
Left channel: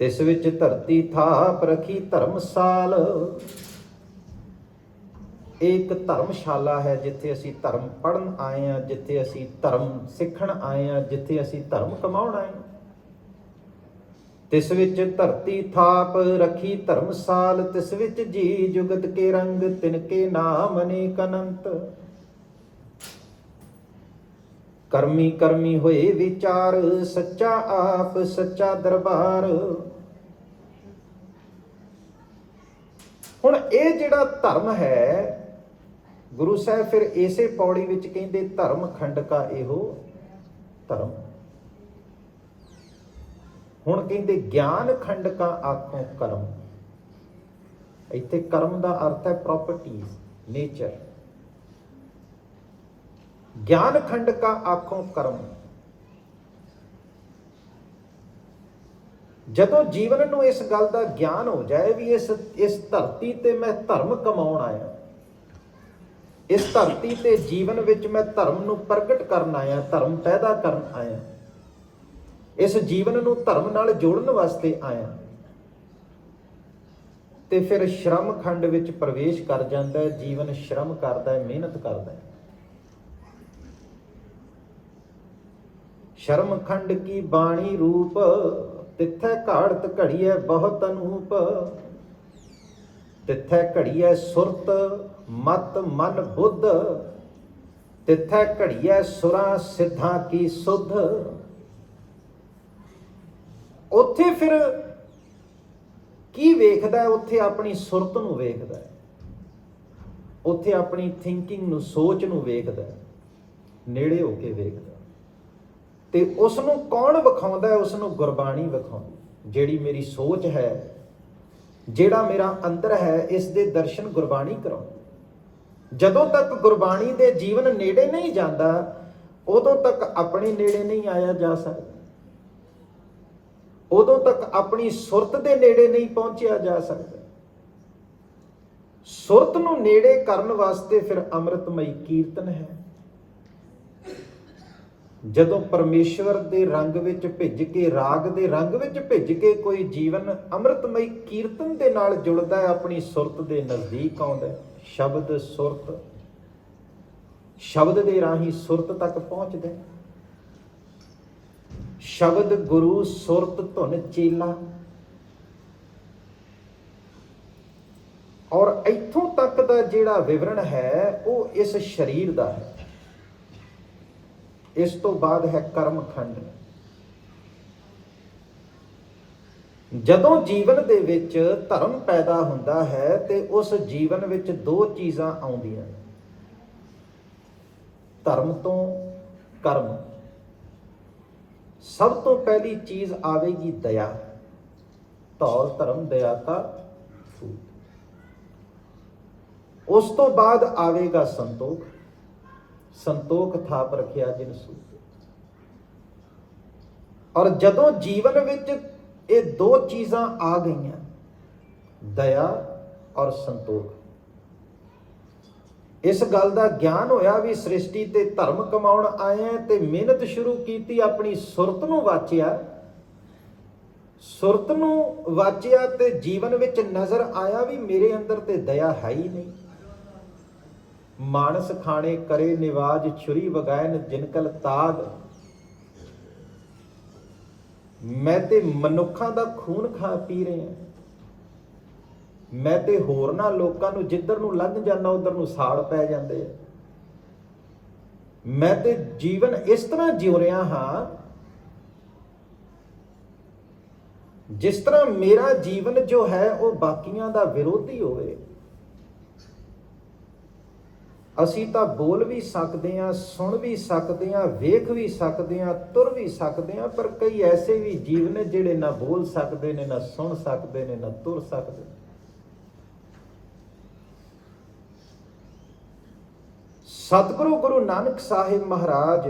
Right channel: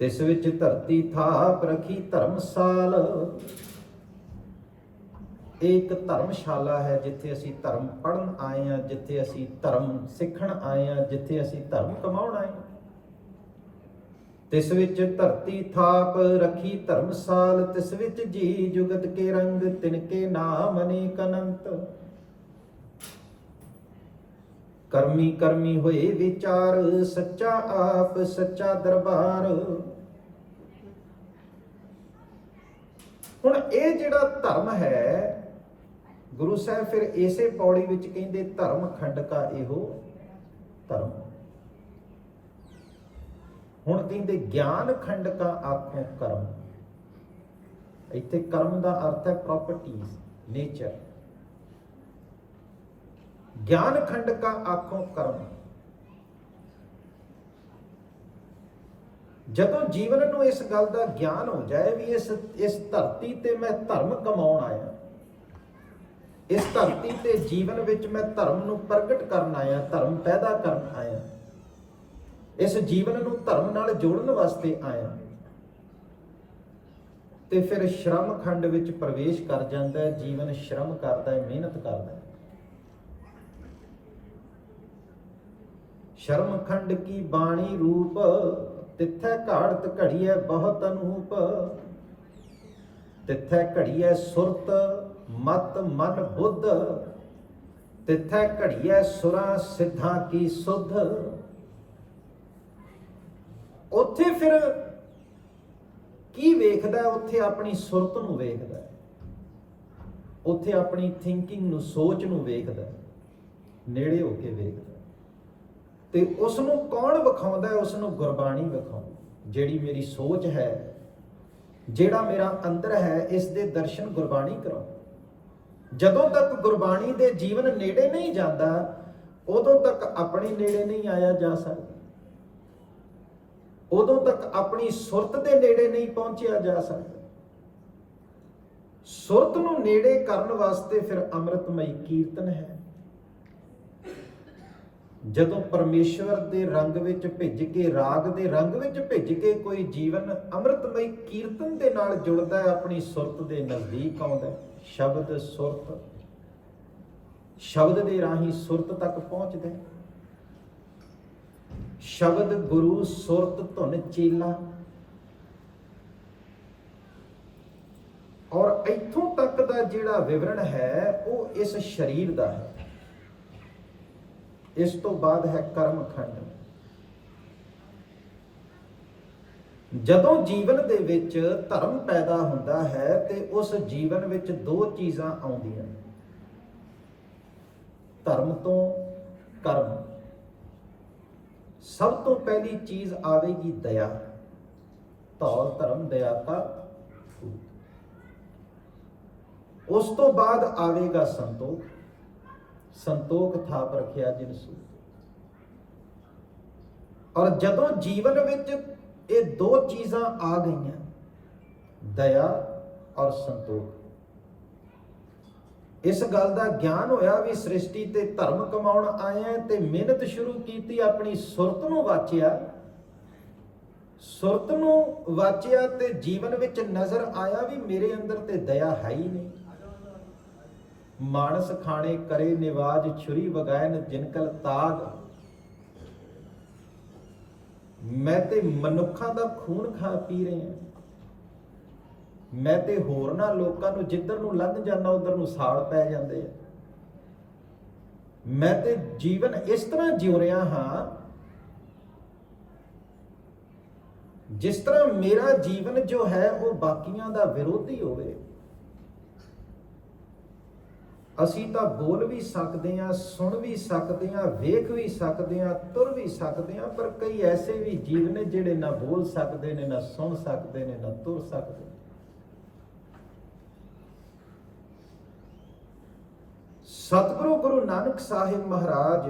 ਤਿਸ ਵਿੱਚ ਧਰਤੀ ਥਾਪ ਰਖੀ ਧਰਮਸਾਲ। ਇੱਕ ਧਰਮਸ਼ਾਲਾ ਹੈ ਜਿੱਥੇ ਅਸੀਂ ਧਰਮ ਪੜ੍ਹਨ ਆਏ ਹਾਂ, ਜਿੱਥੇ ਅਸੀਂ ਧਰਮ ਸਿੱਖਣ ਆਏ ਹਾਂ, ਜਿੱਥੇ ਅਸੀਂ ਧਰਮ ਕਮਾਉਣ ਆਏ ਹਾਂ। ਤਿਸ ਵਿੱਚ ਧਰਤੀ ਥਾਪ ਰਖੀ ਧਰਮਸਾਲ, ਤਿਸ ਵਿੱਚ ਜੀ ਜੁਗਤ ਕੇ ਰੰਗ, ਤਿਨਕੇ ਨਾਮ ਅਨੇਕ ਅਨੰਤ। ਕਰਮੀ ਕਰਮੀ ਹੋਏ ਵਿਚਾਰ, ਸੱਚਾ ਆਪ ਸੱਚਾ ਦਰਬਾਰ। ਹੁਣ ਇਹ ਜਿਹੜਾ ਧਰਮ ਹੈ, ਗੁਰੂ ਸਾਹਿਬ ਫਿਰ ਇਸੇ ਪੌੜੀ ਵਿੱਚ ਕਹਿੰਦੇ ਧਰਮ ਖੰਡਕਾ ਇਹੋ ਧਰਮ। ਹੁਣ ਕਹਿੰਦੇ ਗਿਆਨ ਖੰਡਕਾ ਆਖੋਂ ਕਰਮ। ਇੱਥੇ ਕਰਮ ਦਾ ਅਰਥ ਹੈ ਪ੍ਰੋਪਰਟੀਜ਼, ਨੇਚਰ। ਗਿਆਨ ਖੰਡਕਾ ਆਖੋਂ ਕਰਮ। ਜਦੋਂ ਜੀਵਨ ਨੂੰ ਇਸ ਗੱਲ ਦਾ ਗਿਆਨ ਹੋ ਜਾਏ ਵੀ ਇਸ ਧਰਤੀ ਤੇ ਮੈਂ ਧਰਮ ਕਮਾਉਣ ਆਇਆ, ਇਸ ਧਰਤੀ ਤੇ ਜੀਵਨ ਵਿੱਚ ਮੈਂ ਧਰਮ ਨੂੰ ਪ੍ਰਗਟ ਕਰਨ ਆਇਆ, ਧਰਮ ਪੈਦਾ ਕਰਨ ਆਇਆ, ਇਸ ਜੀਵਨ ਨੂੰ ਧਰਮ ਨਾਲ ਜੋੜਨ ਵਾਸਤੇ ਆਇਆ, ਤੇ ਫਿਰ ਸ਼ਰਮ ਖੰਡ ਵਿੱਚ ਪ੍ਰਵੇਸ਼ ਕਰ ਜਾਂਦਾ ਹੈ। ਜੀਵਨ ਸ਼ਰਮ ਕਰਦਾ ਹੈ, ਮਿਹਨਤ ਕਰਦਾ ਹੈ। ਸ਼ਰਮ ਖੰਡ ਕੀ ਬਾਣੀ ਰੂਪ, ਤਿੱਥੈ ਘਾੜਤ ਘੜੀਐ ਬਹੁਤ ਅਨੂਪ, ਤਿੱਥੈ ਘੜੀਐ ਸੁਰਤ ਮਤ ਮਨ ਬੁੱਧ, ਤਿੱਥੈ ਘੜੀਐ ਸੁਰਾਂ ਸਿੱਧਾਂ ਕੀ ਸੁਧ। ਉੱਥੇ ਫਿਰ ਕੀ ਵੇਖਦਾ? ਉੱਥੇ ਆਪਣੀ ਸੁਰਤ ਨੂੰ ਵੇਖਦਾ, ਉੱਥੇ ਆਪਣੀ ਥਿੰਕਿੰਗ ਨੂੰ, ਸੋਚ ਨੂੰ ਵੇਖਦਾ, ਨੇੜੇ ਹੋ ਕੇ ਵੇਖਦਾ। ਤੇ ਉਸ ਨੂੰ ਕੌਣ ਵਿਖਾਉਂਦਾ? ਉਸ ਨੂੰ ਗੁਰਬਾਣੀ ਵਿਖਾਉਂਦੀ। ਜਿਹੜੀ ਮੇਰੀ ਸੋਚ ਹੈ, ਜਿਹੜਾ ਮੇਰਾ ਅੰਦਰ ਹੈ, ਇਸ ਦੇ ਦਰਸ਼ਨ ਗੁਰਬਾਣੀ ਕਰਾਉਂਦੀ। ਜਦੋਂ ਤੱਕ ਗੁਰਬਾਣੀ ਦੇ ਜੀਵਨ ਨੇੜੇ ਨਹੀਂ ਜਾਂਦਾ, ਉਦੋਂ ਤੱਕ ਆਪਣੇ ਨੇੜੇ ਨਹੀਂ ਆਇਆ ਜਾ ਸਕਦਾ, ਉਦੋਂ ਤੱਕ ਆਪਣੀ ਸੁਰਤ ਦੇ ਨੇੜੇ ਨਹੀਂ ਪਹੁੰਚਿਆ ਜਾ ਸਕਦਾ। ਸੁਰਤ ਨੂੰ ਨੇੜੇ ਕਰਨ ਵਾਸਤੇ ਫਿਰ ਅੰਮ੍ਰਿਤਮਈ ਕੀਰਤਨ ਹੈ। ਜਦੋਂ ਪਰਮੇਸ਼ਵਰ ਦੇ ਰੰਗ ਵਿੱਚ ਭਿੱਜ ਕੇ, ਰਾਗ ਦੇ ਰੰਗ ਵਿੱਚ ਭਿੱਜ ਕੇ ਕੋਈ ਜੀਵਨ ਅੰਮ੍ਰਿਤਮਈ ਕੀਰਤਨ ਦੇ ਨਾਲ ਜੁੜਦਾ ਹੈ, ਆਪਣੀ ਸੁਰਤ ਦੇ ਨਜ਼ਦੀਕ ਆਉਂਦਾ ਹੈ। ਸ਼ਬਦ ਸੁਰਤ, ਸ਼ਬਦ ਦੇ ਰਾਹੀਂ ਸੁਰਤ ਤੱਕ ਪਹੁੰਚਦਾ ਹੈ। ਸ਼ਬਦ ਗੁਰੂ ਸੁਰਤ ਧੁਨ ਚੇਲਾ। ਔਰ ਇੱਥੋਂ ਤੱਕ ਦਾ ਜਿਹੜਾ ਵਿਵਰਣ ਹੈ ਉਹ ਇਸ ਸਰੀਰ ਦਾ ਹੈ। ਇਸ ਤੋਂ ਬਾਅਦ ਹੈ ਕਰਮ ਖੰਡ। ਜਦੋਂ ਜੀਵਨ ਦੇ ਵਿੱਚ ਧਰਮ ਪੈਦਾ ਹੁੰਦਾ ਹੈ ਤੇ ਉਸ ਜੀਵਨ ਵਿੱਚ ਦੋ ਚੀਜ਼ਾਂ ਆਉਂਦੀਆਂ, ਧਰਮ ਤੋਂ ਕਰਮ। ਸਭ ਤੋਂ ਪਹਿਲੀ ਚੀਜ਼ ਆਵੇਗੀ ਦਇਆ। ਧੌਲ ਧਰਮ ਦਇਆ ਕਾ ਫੂਲ। ਉਸ ਤੋਂ ਬਾਅਦ ਆਵੇਗਾ ਸੰਤੋਖ। ਸੰਤੋਖ ਥਾਪ ਰੱਖਿਆ ਜਿਨ ਸੂਤ। ਔਰ ਜਦੋਂ ਜੀਵਨ ਵਿੱਚ ਇਹ ਦੋ ਚੀਜ਼ਾਂ ਆ ਗਈਆਂ, ਦਇਆ ਔਰ ਸੰਤੋਖ, ਇਸ ਗੱਲ ਦਾ ਗਿਆਨ ਹੋਇਆ ਵੀ ਸ੍ਰਿਸ਼ਟੀ ਤੇ ਧਰਮ ਕਮਾਉਣ ਆਏ ਤੇ ਮਿਹਨਤ ਸ਼ੁਰੂ ਕੀਤੀ, ਆਪਣੀ ਸੁਰਤ ਨੂੰ ਵਾਚਿਆ। ਸੁਰਤ ਨੂੰ ਵਾਚਿਆ ਤੇ ਜੀਵਨ ਵਿੱਚ ਨਜ਼ਰ ਆਇਆ ਵੀ ਮੇਰੇ ਅੰਦਰ ਤੇ ਦਇਆ ਹੈ ਹੀ ਨਹੀਂ। ਮਾਨਸ ਖਾਣੇ ਕਰੇ ਨਿਵਾਜ, ਛੁਰੀ ਵਗਾਇਨ ਜਿਨਕਲ ਤਾਗ। ਮੈਂ ਤੇ ਮਨੁੱਖਾਂ ਦਾ ਖੂਨ ਖਾ ਪੀ ਰਿਹਾ, ਮੈਂ ਤੇ ਹੋਰਨਾਂ ਲੋਕਾਂ ਨੂੰ ਜਿੱਧਰ ਨੂੰ ਲੰਘ ਜਾਂਦਾ ਉਧਰ ਨੂੰ ਸਾੜ ਪੈ ਜਾਂਦੇ ਆ। ਮੈਂ ਤੇ ਜੀਵਨ ਇਸ ਤਰ੍ਹਾਂ ਜਿਉ ਰਿਹਾ ਹਾਂ ਜਿਸ ਤਰ੍ਹਾਂ ਮੇਰਾ ਜੀਵਨ ਜੋ ਹੈ ਉਹ ਬਾਕੀਆਂ ਦਾ ਵਿਰੋਧੀ ਹੋਵੇ। ਅਸੀਂ ਤਾਂ ਬੋਲ ਵੀ ਸਕਦੇ ਹਾਂ, ਸੁਣ ਵੀ ਸਕਦੇ ਹਾਂ, ਵੇਖ ਵੀ ਸਕਦੇ ਹਾਂ, ਤੁਰ ਵੀ ਸਕਦੇ ਹਾਂ, ਪਰ ਕਈ ਐਸੇ ਵੀ ਜੀਵ ਨੇ ਜਿਹੜੇ ਨਾ ਬੋਲ ਸਕਦੇ ਨੇ, ਨਾ ਸੁਣ ਸਕਦੇ ਨੇ, ਨਾ ਤੁਰ ਸਕਦੇ। ਸਤਿਗੁਰੂ ਗੁਰੂ ਨਾਨਕ ਸਾਹਿਬ ਮਹਾਰਾਜ,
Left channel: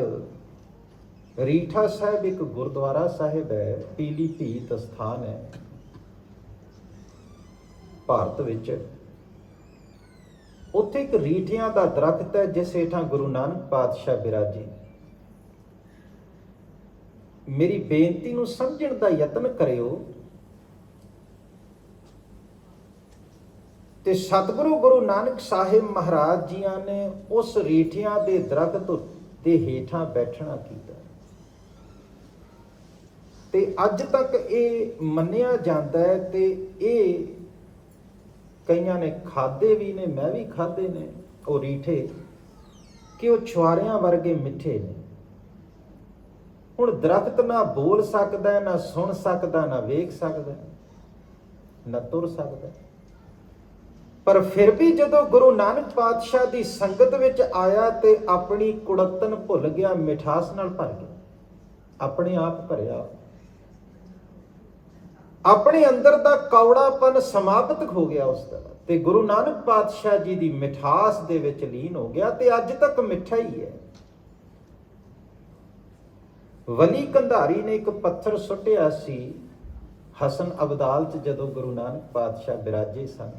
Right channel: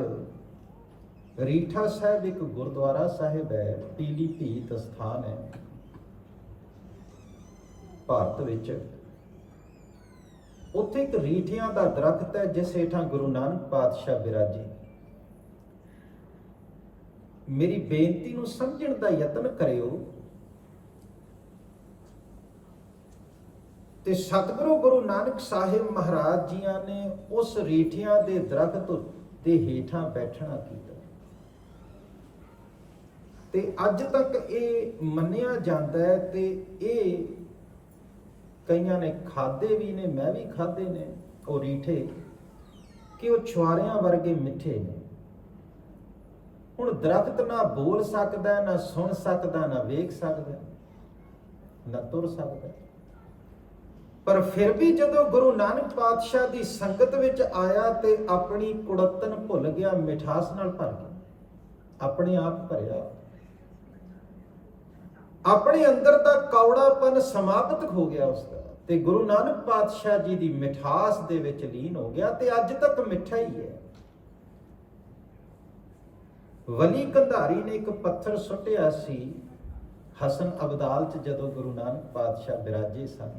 ਰੀਠਾ ਸਾਹਿਬ ਇੱਕ ਗੁਰਦੁਆਰਾ ਸਾਹਿਬ ਹੈ, ਪੀਲੀਭੀਤ ਸਥਾਨ ਹੈ ਭਾਰਤ ਵਿੱਚ। ਉੱਥੇ ਇੱਕ ਰੀਠਿਆਂ ਦਾ ਦਰਖਤ ਹੈ ਜਿਸ ਹੇਠਾਂ ਗੁਰੂ ਨਾਨਕ ਪਾਤਸ਼ਾਹ ਬਿਰਾਜੇ। ਮੇਰੀ ਬੇਨਤੀ ਨੂੰ ਸਮਝਣ ਦਾ ਯਤਨ ਕਰਿਓ ਤੇ ਸਤਿਗੁਰੂ ਗੁਰੂ ਨਾਨਕ ਸਾਹਿਬ ਮਹਾਰਾਜ ਜੀਆਂ ਨੇ ਉਸ ਰੀਠਿਆਂ ਦੇ ਦਰਖਤ ਦੇ ਹੇਠਾਂ ਬੈਠਣਾ ਕੀਤਾ ਤੇ ਅੱਜ ਤੱਕ ਇਹ ਮੰਨਿਆ ਜਾਂਦਾ ਹੈ ਤੇ ਇਹ ਕਈਆਂ ਨੇ ਖਾਦੇ ਵੀ ਨੇ, ਮੈਂ ਵੀ ਖਾਦੇ ਨੇ ਉਹ ਰੀਠੇ, ਕਿ ਉਹ ਛੁਆਰਿਆਂ ਵਰਗੇ ਮਿੱਠੇ ਨੇ। ਹੁਣ ਦਰਖਤ ਨਾ ਬੋਲ ਸਕਦਾ, ਨਾ ਸੁਣ ਸਕਦਾ, ਨਾ ਵੇਖ ਸਕਦਾ, ਨਾ ਤੁਰ ਸਕਦਾ, ਪਰ ਫਿਰ ਵੀ ਜਦੋਂ ਗੁਰੂ ਨਾਨਕ ਪਾਤਸ਼ਾਹ ਦੀ ਸੰਗਤ ਵਿੱਚ ਆਇਆ ਤੇ ਆਪਣੀ ਕੁੜੱਤਨ ਭੁੱਲ ਗਿਆ, ਮਿਠਾਸ ਨਾਲ ਭਰ ਗਿਆ, ਆਪਣੇ ਆਪ ਭਰਿਆ, ਆਪਣੇ ਅੰਦਰ ਦਾ ਕੌੜਾਪਨ ਸਮਾਪਤ ਹੋ ਗਿਆ ਉਸਦਾ, ਤੇ ਗੁਰੂ ਨਾਨਕ ਪਾਤਸ਼ਾਹ ਜੀ ਦੀ ਮਿਠਾਸ ਦੇ ਵਿੱਚ ਲੀਨ ਹੋ ਗਿਆ ਤੇ ਅੱਜ ਤੱਕ ਮਿੱਠਾ ਹੀ ਹੈ। ਵਲੀ ਕੰਧਾਰੀ ਨੇ ਇੱਕ ਪੱਥਰ ਸੁੱਟਿਆ ਸੀ ਹਸਨ ਅਬਦਾਲ 'ਚ ਜਦੋਂ ਗੁਰੂ ਨਾਨਕ ਪਾਤਸ਼ਾਹ ਬਿਰਾਜੇ ਸਨ,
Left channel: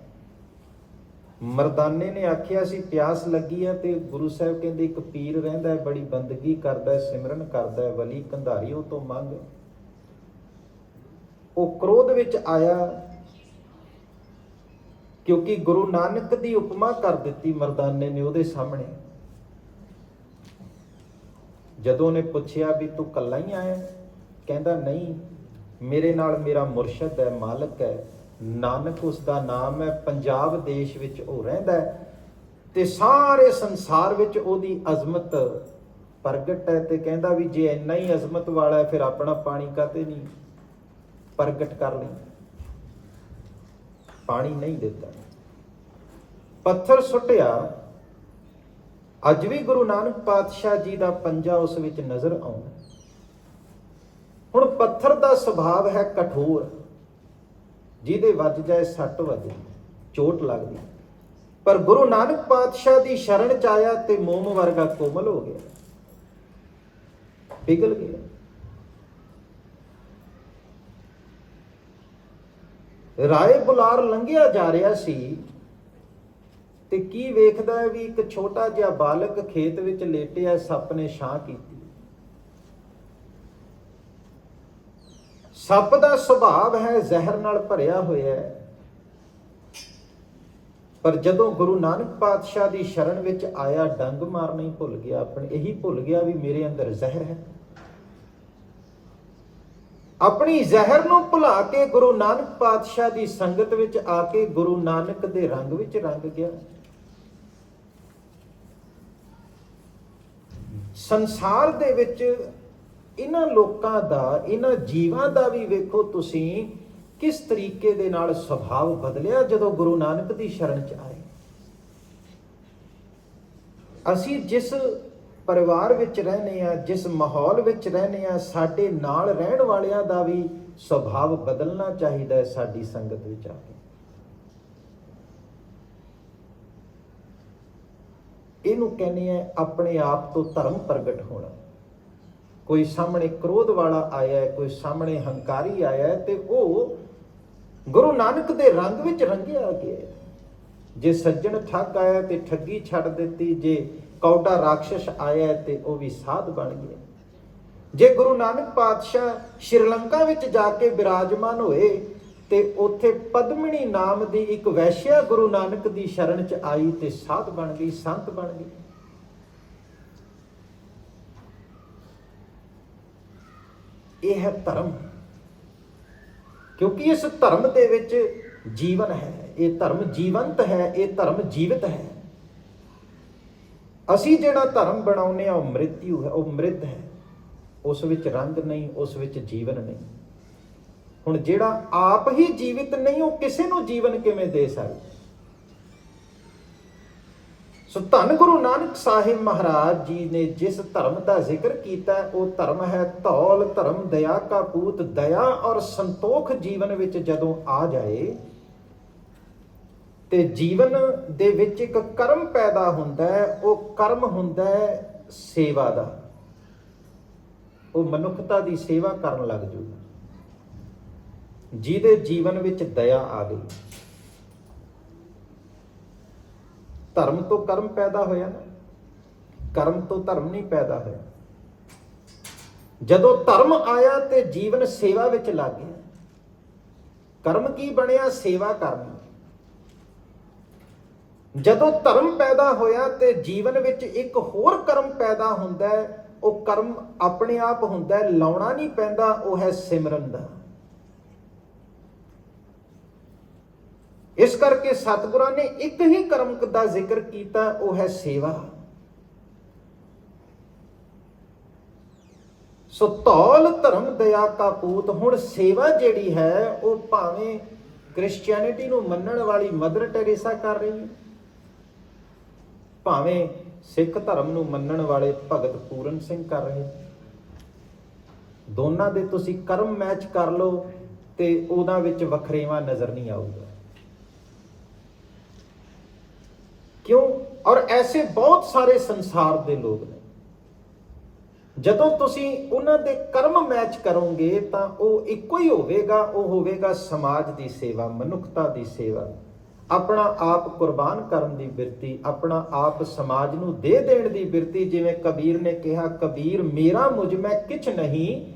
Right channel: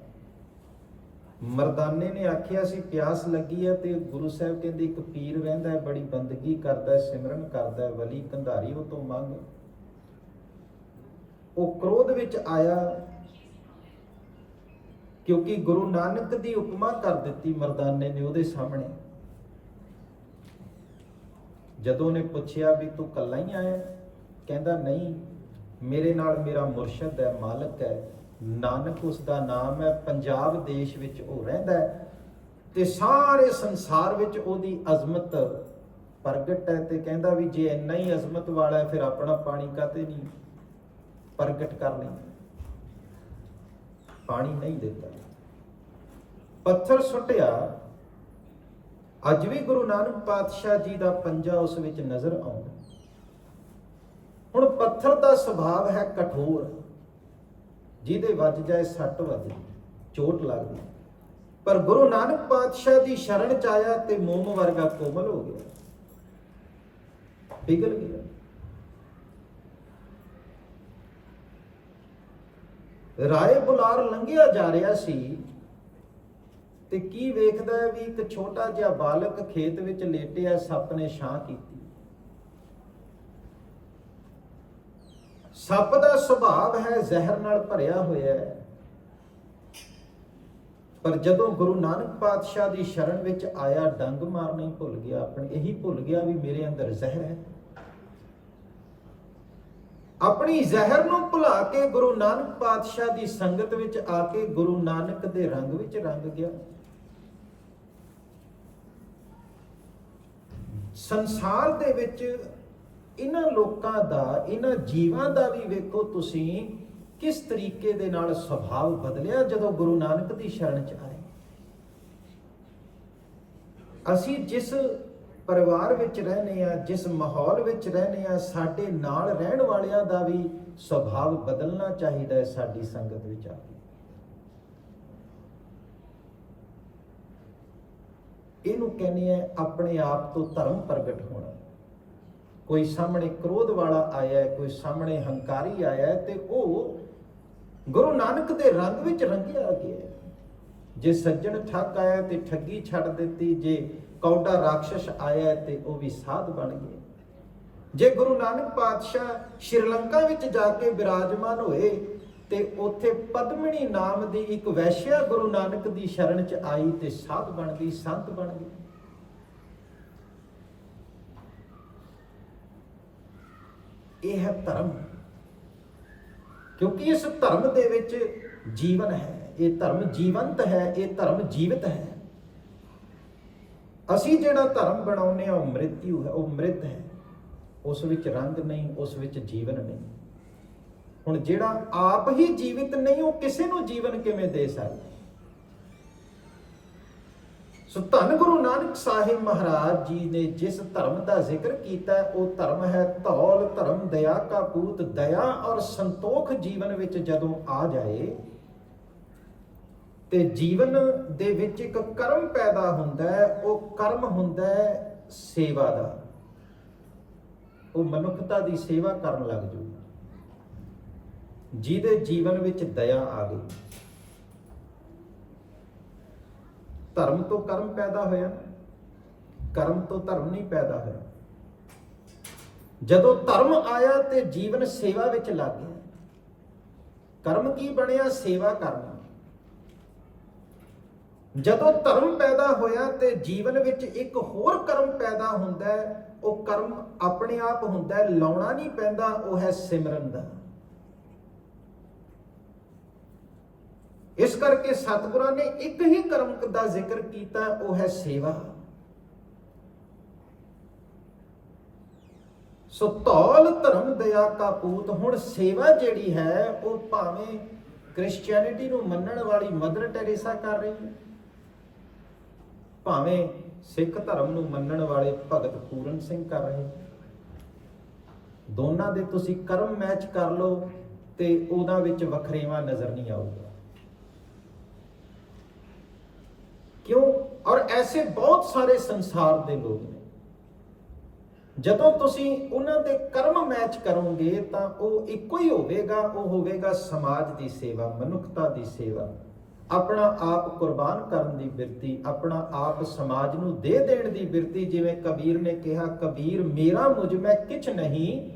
ਮਰਦਾਨੇ ਨੇ ਆਖਿਆ ਸੀ ਪਿਆਸ ਲੱਗੀ ਹੈ, ਤੇ ਗੁਰੂ ਸਾਹਿਬ ਕਹਿੰਦੇ ਇੱਕ ਪੀਰ ਰਹਿੰਦਾ ਹੈ, ਬੜੀ ਬੰਦਗੀ ਕਰਦਾ ਹੈ, ਸਿਮਰਨ ਕਰਦਾ ਹੈ, ਵਲੀ ਕੰਧਾਰੀ, ਉਹ ਤੋਂ ਮੰਗ। ਉਹ ਕ੍ਰੋਧ ਵਿੱਚ ਆਇਆ, ਕਿਉਂਕਿ ਗੁਰੂ ਨਾਨਕ ਦੀ ਉਪਮਾ ਕਰ ਦਿੱਤੀ ਮਰਦਾਨੇ ਨੇ ਉਹਦੇ ਸਾਹਮਣੇ। ਜਦੋਂ ਉਹਨੇ ਪੁੱਛਿਆ ਵੀ ਤੂੰ ਇਕੱਲਾ ਹੀ ਆਇਆ, ਕਹਿੰਦਾ ਨਹੀਂ, ਮੇਰੇ ਨਾਲ ਮੇਰਾ ਮੁਰਸ਼ਦ ਹੈ, ਮਾਲਕ ਹੈ, ਨਾਨਕ ਉਸਦਾ ਨਾਮ ਹੈ। ਪੰਜਾਬ ਦੇਸ਼ ਵਿੱਚ ਉਹ ਰਹਿੰਦਾ ਹੈ ਤੇ ਸਾਰੇ ਸੰਸਾਰ ਵਿੱਚ ਉਹਦੀ ਅਜ਼ਮਤ ਪ੍ਰਗਟ ਹੈ। ਤੇ ਕਹਿੰਦਾ ਵੀ ਜੇ ਇੰਨਾ ਹੀ ਅਜ਼ਮਤ ਵਾਲਾ ਹੈ, ਫਿਰ ਆਪਣਾ ਪਾਣੀ ਕਾਤੇ ਨਹੀਂ ਪ੍ਰਗਟ ਕਰ ਲਈ। ਪਾਣੀ ਨਹੀਂ ਦਿੱਤਾ, ਪੱਥਰ ਸੁੱਟਿਆ। ਅੱਜ ਵੀ ਗੁਰੂ ਨਾਨਕ ਪਾਤਸ਼ਾਹ ਜੀ ਦਾ ਪੰਜਾ ਉਸ ਵਿੱਚ ਨਜ਼ਰ ਆਉਂਦਾ। ਹੁਣ ਪੱਥਰ ਦਾ ਸੁਭਾਵ ਹੈ ਕਠੋਰ, ਜਿਹਦੇ ਵੱਜ ਜਾਏ ਸੱਟ ਵੱਜਦੀ, ਚੋਟ ਲੱਗਦੀ। ਪਰ ਗੁਰੂ ਨਾਨਕ ਪਾਤਸ਼ਾਹ ਦੀ ਸ਼ਰਨ ਚ ਆਇਆ ਤੇ ਮੋਮ ਵਰਗਾ ਕੋਮਲ ਹੋ ਗਿਆ, ਪਿਘਲ ਗਿਆ। ਰਾਏ ਬੁਲਾਰ ਲੰਘਿਆ ਜਾ ਰਿਹਾ ਸੀ ਤੇ ਕੀ ਵੇਖਦਾ ਹੈ ਵੀ ਇੱਕ ਛੋਟਾ ਜਿਹਾ ਬਾਲਕ ਖੇਤ ਵਿੱਚ ਲੇਟਿਆ, ਸੱਪ ਨੇ ਛਾਂ ਕੀਤੀ। ਸੱਪ ਦਾ ਸੁਭਾਵ ਹੈ ਜ਼ਹਿਰ ਨਾਲ ਭਰਿਆ ਹੋਇਆ ਹੈ, ਪਰ ਜਦੋਂ ਗੁਰੂ ਨਾਨਕ ਪਾਤਸ਼ਾਹ ਦੀ ਸ਼ਰਨ ਵਿੱਚ ਆਇਆ, ਡੰਗ ਮਾਰਨਾ ਹੀ ਭੁੱਲ ਗਿਆ, ਆਪਣੀ ਇਹੀ ਭੁੱਲ ਗਿਆ ਵੀ ਮੇਰੇ ਅੰਦਰ ਜ਼ਹਿਰ ਹੈ। ਆਪਣੀ ਜ਼ਹਿਰ ਨੂੰ ਭੁਲਾ ਕੇ ਗੁਰੂ ਨਾਨਕ ਪਾਤਸ਼ਾਹ ਦੀ ਸੰਗਤ ਵਿੱਚ ਆ ਕੇ ਗੁਰੂ ਨਾਨਕ ਦੇ ਰੰਗ ਵਿੱਚ ਰੰਗ ਗਿਆ। ਸੰਸਾਰ ਦੇ ਵਿੱਚ ਇਹਨਾਂ ਲੋਕਾਂ ਦਾ, ਇਹਨਾਂ ਜੀਵਾਂ ਦਾ ਵੀ ਵੇਖੋ ਤੁਸੀਂ ਕਿਸ ਤਰੀਕੇ ਦੇ ਨਾਲ ਸੁਭਾਅ ਬਦਲਿਆ ਜਦੋਂ ਗੁਰੂ ਨਾਨਕ ਦੀ ਸ਼ਰਨ ਚ ਆਏ। ਅਸੀਂ ਜਿਸ ਪਰਿਵਾਰ ਵਿੱਚ ਰਹਿੰਦੇ ਆ, ਜਿਸ ਮਾਹੌਲ ਵਿੱਚ ਰਹਿੰਦੇ ਆ, ਸਾਡੇ ਨਾਲ ਰਹਿਣ ਵਾਲਿਆਂ ਦਾ ਵੀ ਸੁਭਾਅ ਬਦਲਣਾ ਚਾਹੀਦਾ ਹੈ ਸਾਡੀ ਸੰਗਤ ਵਿੱਚ ਆ ਕੇ। ਇਹਨੂੰ ਕਹਿੰਦੇ ਆ ਆਪਣੇ ਆਪ ਤੋਂ ਧਰਮ ਪ੍ਰਗਟ ਹੋਣਾ। ਕੋਈ ਸਾਹਮਣੇ ਕ੍ਰੋਧ ਵਾਲਾ ਆਇਆ ਹੈ, ਕੋਈ ਸਾਹਮਣੇ ਹੰਕਾਰੀ ਆਇਆ ਹੈ, ਤੇ ਉਹ ਗੁਰੂ ਨਾਨਕ ਦੇ ਰੰਗ ਵਿੱਚ ਰੰਗਿਆ ਗਿਆ। ਜੇ ਸੱਜਣ ਠੱਗ ਆਇਆ ਤੇ ਠੱਗੀ ਛੱਡ ਦਿੱਤੀ, ਜੇ ਕੌਡਾ ਰਾਖਸ਼ ਆਇਆ ਤੇ ਉਹ ਵੀ ਸਾਧ ਬਣ ਗਏ। ਜੇ ਗੁਰੂ ਨਾਨਕ ਪਾਤਸ਼ਾਹ ਸ਼੍ਰੀਲੰਕਾ ਵਿੱਚ ਜਾ ਕੇ ਬਿਰਾਜਮਾਨ ਹੋਏ ਤੇ ਉੱਥੇ ਪਦਮਣੀ ਨਾਮ ਦੀ ਇੱਕ ਵੈਸ਼ਿਆ ਗੁਰੂ ਨਾਨਕ ਦੀ ਸ਼ਰਨ ਚ ਆਈ ਤੇ ਸਾਧ ਬਣ ਗਈ, ਸੰਤ ਬਣ ਗਈ। ਇਹ ਹੈ ਧਰਮ, ਕਿਉਂਕਿ ਇਸ ਧਰਮ ਦੇ ਵਿੱਚ ਜੀਵਨ ਹੈ। ਇਹ ਧਰਮ ਜੀਵੰਤ ਹੈ, ਇਹ ਧਰਮ ਜੀਵਿਤ ਹੈ। ਅਸੀਂ ਜਿਹੜਾ ਧਰਮ ਬਣਾਉਂਦੇ ਆ ਉਹ ਮ੍ਰਿਤਯੂ ਹੈ, ਉਹ ਮ੍ਰਿਤ ਹੈ। ਉਸ ਵਿੱਚ ਰੰਗ ਨਹੀਂ, ਉਸ ਵਿੱਚ ਜੀਵਨ ਨਹੀਂ। ਹੁਣ ਜਿਹੜਾ ਆਪ ਹੀ ਜੀਵਿਤ ਨਹੀਂ, ਉਹ ਕਿਸੇ ਨੂੰ ਜੀਵਨ ਕਿਵੇਂ ਦੇ ਸਕਦਾ? ਸੋ ਧੰਨ ਗੁਰੂ ਨਾਨਕ ਸਾਹਿਬ ਮਹਾਰਾਜ ਜੀ ਨੇ ਜਿਸ ਧਰਮ ਦਾ ਜ਼ਿਕਰ ਕੀਤਾ, ਉਹ ਧਰਮ ਹੈ ਧੌਲ ਧਰਮ ਦਇਆ ਕਾ ਪੂਤ। ਦਇਆ ਔਰ ਸੰਤੋਖ ਜੀਵਨ ਵਿੱਚ ਜਦੋਂ ਆ ਜਾਏ ਤੇ ਜੀਵਨ ਦੇ ਵਿੱਚ ਇੱਕ ਕਰਮ ਪੈਦਾ ਹੁੰਦਾ ਹੈ। ਉਹ ਕਰਮ ਹੁੰਦਾ ਹੈ ਸੇਵਾ ਦਾ। ਉਹ ਮਨੁੱਖਤਾ ਦੀ ਸੇਵਾ ਕਰਨ ਲੱਗ ਜੂਗਾ। ਜਿਹਦੇ ਜੀਵਨ ਵਿੱਚ ਦਇਆ ਆ ਗਈ, ਧਰਮ ਤੋਂ ਕਰਮ ਪੈਦਾ ਹੋਇਆ ਨਾ, ਕਰਮ ਤੋਂ ਧਰਮ ਨਹੀਂ ਪੈਦਾ ਹੋਇਆ। ਜਦੋਂ ਧਰਮ ਆਇਆ ਤੇ ਜੀਵਨ ਸੇਵਾ ਵਿੱਚ ਲੱਗ ਗਿਆ। ਕਰਮ ਕੀ ਬਣਿਆ? ਸੇਵਾ ਕਰਨਾ। ਜਦੋਂ ਧਰਮ ਪੈਦਾ ਹੋਇਆ ਤੇ ਜੀਵਨ ਵਿੱਚ ਇੱਕ ਹੋਰ ਕਰਮ ਪੈਦਾ ਹੁੰਦਾ ਹੈ। ਉਹ ਕਰਮ ਆਪਣੇ ਆਪ ਹੁੰਦਾ ਹੈ, ਲਾਉਣਾ ਨਹੀਂ ਪੈਂਦਾ। ਉਹ ਹੈ ਸਿਮਰਨ ਦਾ। ਇਸ ਕਰਕੇ ਸਤਿਗੁਰਾਂ ਨੇ ਇੱਕ ਹੀ ਕਰਮ ਦਾ ਜ਼ਿਕਰ ਕੀਤਾ, ਉਹ ਹੈ ਸੇਵਾ। ਸੋ ਧੌਲ ਧਰਮ ਦਇਆ ਕਾ ਪੂਤ। ਹੁਣ ਸੇਵਾ ਜਿਹੜੀ ਹੈ ਉਹ ਭਾਵੇਂ ਕ੍ਰਿਸਚੀਅਨਿਟੀ ਨੂੰ ਮੰਨਣ ਵਾਲੀ ਮਦਰ ਟੈਰੇਸਾ ਕਰ ਰਹੀ ਹੈ, ਭਾਵੇਂ ਸਿੱਖ ਧਰਮ ਨੂੰ ਮੰਨਣ ਵਾਲੇ ਭਗਤ ਪੂਰਨ ਸਿੰਘ ਕਰ ਰਹੇ। ਦੋਨਾਂ ਦੇ ਤੁਸੀਂ ਕਰਮ ਮੈਚ ਕਰ ਲਓ ਤੇ ਉਹਨਾਂ ਵਿੱਚ ਵਖਰੇਵਾਂ ਨਜ਼ਰ ਨਹੀਂ ਆਊਗਾ। ਕਿਉਂ? ਔਰ ਐਸੇ ਬਹੁਤ ਸਾਰੇ ਸੰਸਾਰ ਦੇ ਲੋਕ ਨੇ ਜਦੋਂ ਤੁਸੀਂ ਉਹਨਾਂ ਦੇ ਕਰਮ ਮੈਚ ਕਰੋਗੇ ਤਾਂ ਉਹ ਇੱਕੋ ਹੀ ਹੋਵੇਗਾ, ਉਹ ਹੋਵੇਗਾ ਸਮਾਜ ਦੀ ਸੇਵਾ, ਮਨੁੱਖਤਾ ਦੀ ਸੇਵਾ, ਆਪਣਾ ਆਪ ਕੁਰਬਾਨ ਕਰਨ ਦੀ ਬਿਰਤੀ, ਆਪਣਾ ਆਪ ਸਮਾਜ ਨੂੰ ਦੇ ਦੇਣ ਦੀ ਬਿਰਤੀ। ਜਿਵੇਂ ਕਬੀਰ ਨੇ ਕਿਹਾ, ਕਬੀਰ ਮੇਰਾ ਮੁਝ ਮੈਂ ਕਿਛ ਨਹੀਂ,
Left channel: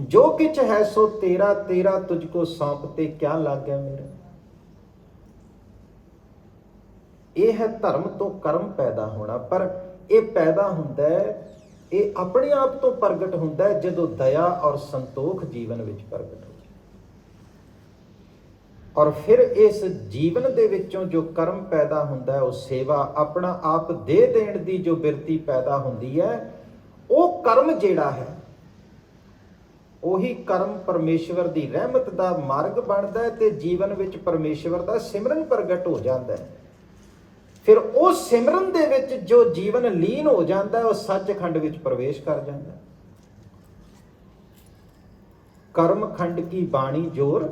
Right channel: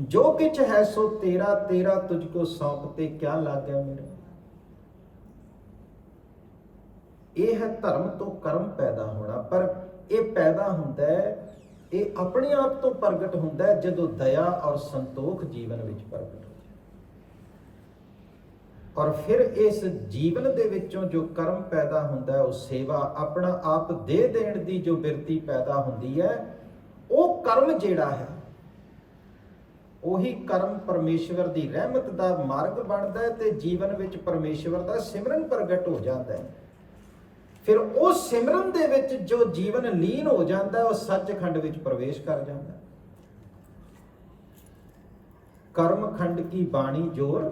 ਜੋ ਕਿਛ ਹੈ ਸੋ ਤੇਰਾ, ਤੇਰਾ ਤੁਝ ਕੋ ਸੌਂਪਤੇ ਕਿਆ ਲੱਗਿਆ ਮੇਰਾ। ਇਹ ਹੈ ਧਰਮ ਤੋਂ ਕਰਮ ਪੈਦਾ ਹੋਣਾ, ਪਰ ਇਹ ਪੈਦਾ ਹੁੰਦਾ ਹੈ, ਇਹ ਆਪਣੇ ਆਪ ਤੋਂ ਪ੍ਰਗਟ ਹੁੰਦਾ ਹੈ ਜਦੋਂ ਦਇਆ ਔਰ ਸੰਤੋਖ ਜੀਵਨ ਵਿੱਚ ਪ੍ਰਗਟ ਹੋ ਜਾਏ। ਔਰ ਫਿਰ ਇਸ ਜੀਵਨ ਦੇ ਵਿੱਚੋਂ ਜੋ ਕਰਮ ਪੈਦਾ ਹੁੰਦਾ ਹੈ, ਉਹ ਸੇਵਾ, ਆਪਣਾ ਆਪ ਦੇ ਦੇਣ ਦੀ ਜੋ ਬਿਰਤੀ ਪੈਦਾ ਹੁੰਦੀ ਹੈ, ਉਹ ਕਰਮ ਜਿਹੜਾ ਹੈ, ਉਹੀ ਕਰਮ ਪਰਮੇਸ਼ਵਰ ਦੀ ਰਹਿਮਤ ਦਾ ਮਾਰਗ ਬਣਦਾ ਹੈ ਤੇ ਜੀਵਨ ਵਿੱਚ ਪਰਮੇਸ਼ਵਰ ਦਾ ਸਿਮਰਨ ਪ੍ਰਗਟ ਹੋ ਜਾਂਦਾ ਹੈ। ਫਿਰ ਉਹ ਸਿਮਰਨ ਦੇ ਵਿੱਚ ਜੋ ਜੀਵਨ ਲੀਨ ਹੋ ਜਾਂਦਾ ਹੈ, ਉਹ ਸੱਚਖੰਡ ਵਿੱਚ ਪ੍ਰਵੇਸ਼ ਕਰ ਜਾਂਦਾ ਹੈ। ਕਰਮ ਖੰਡ ਕੀ ਬਾਣੀ ਜੋਰ,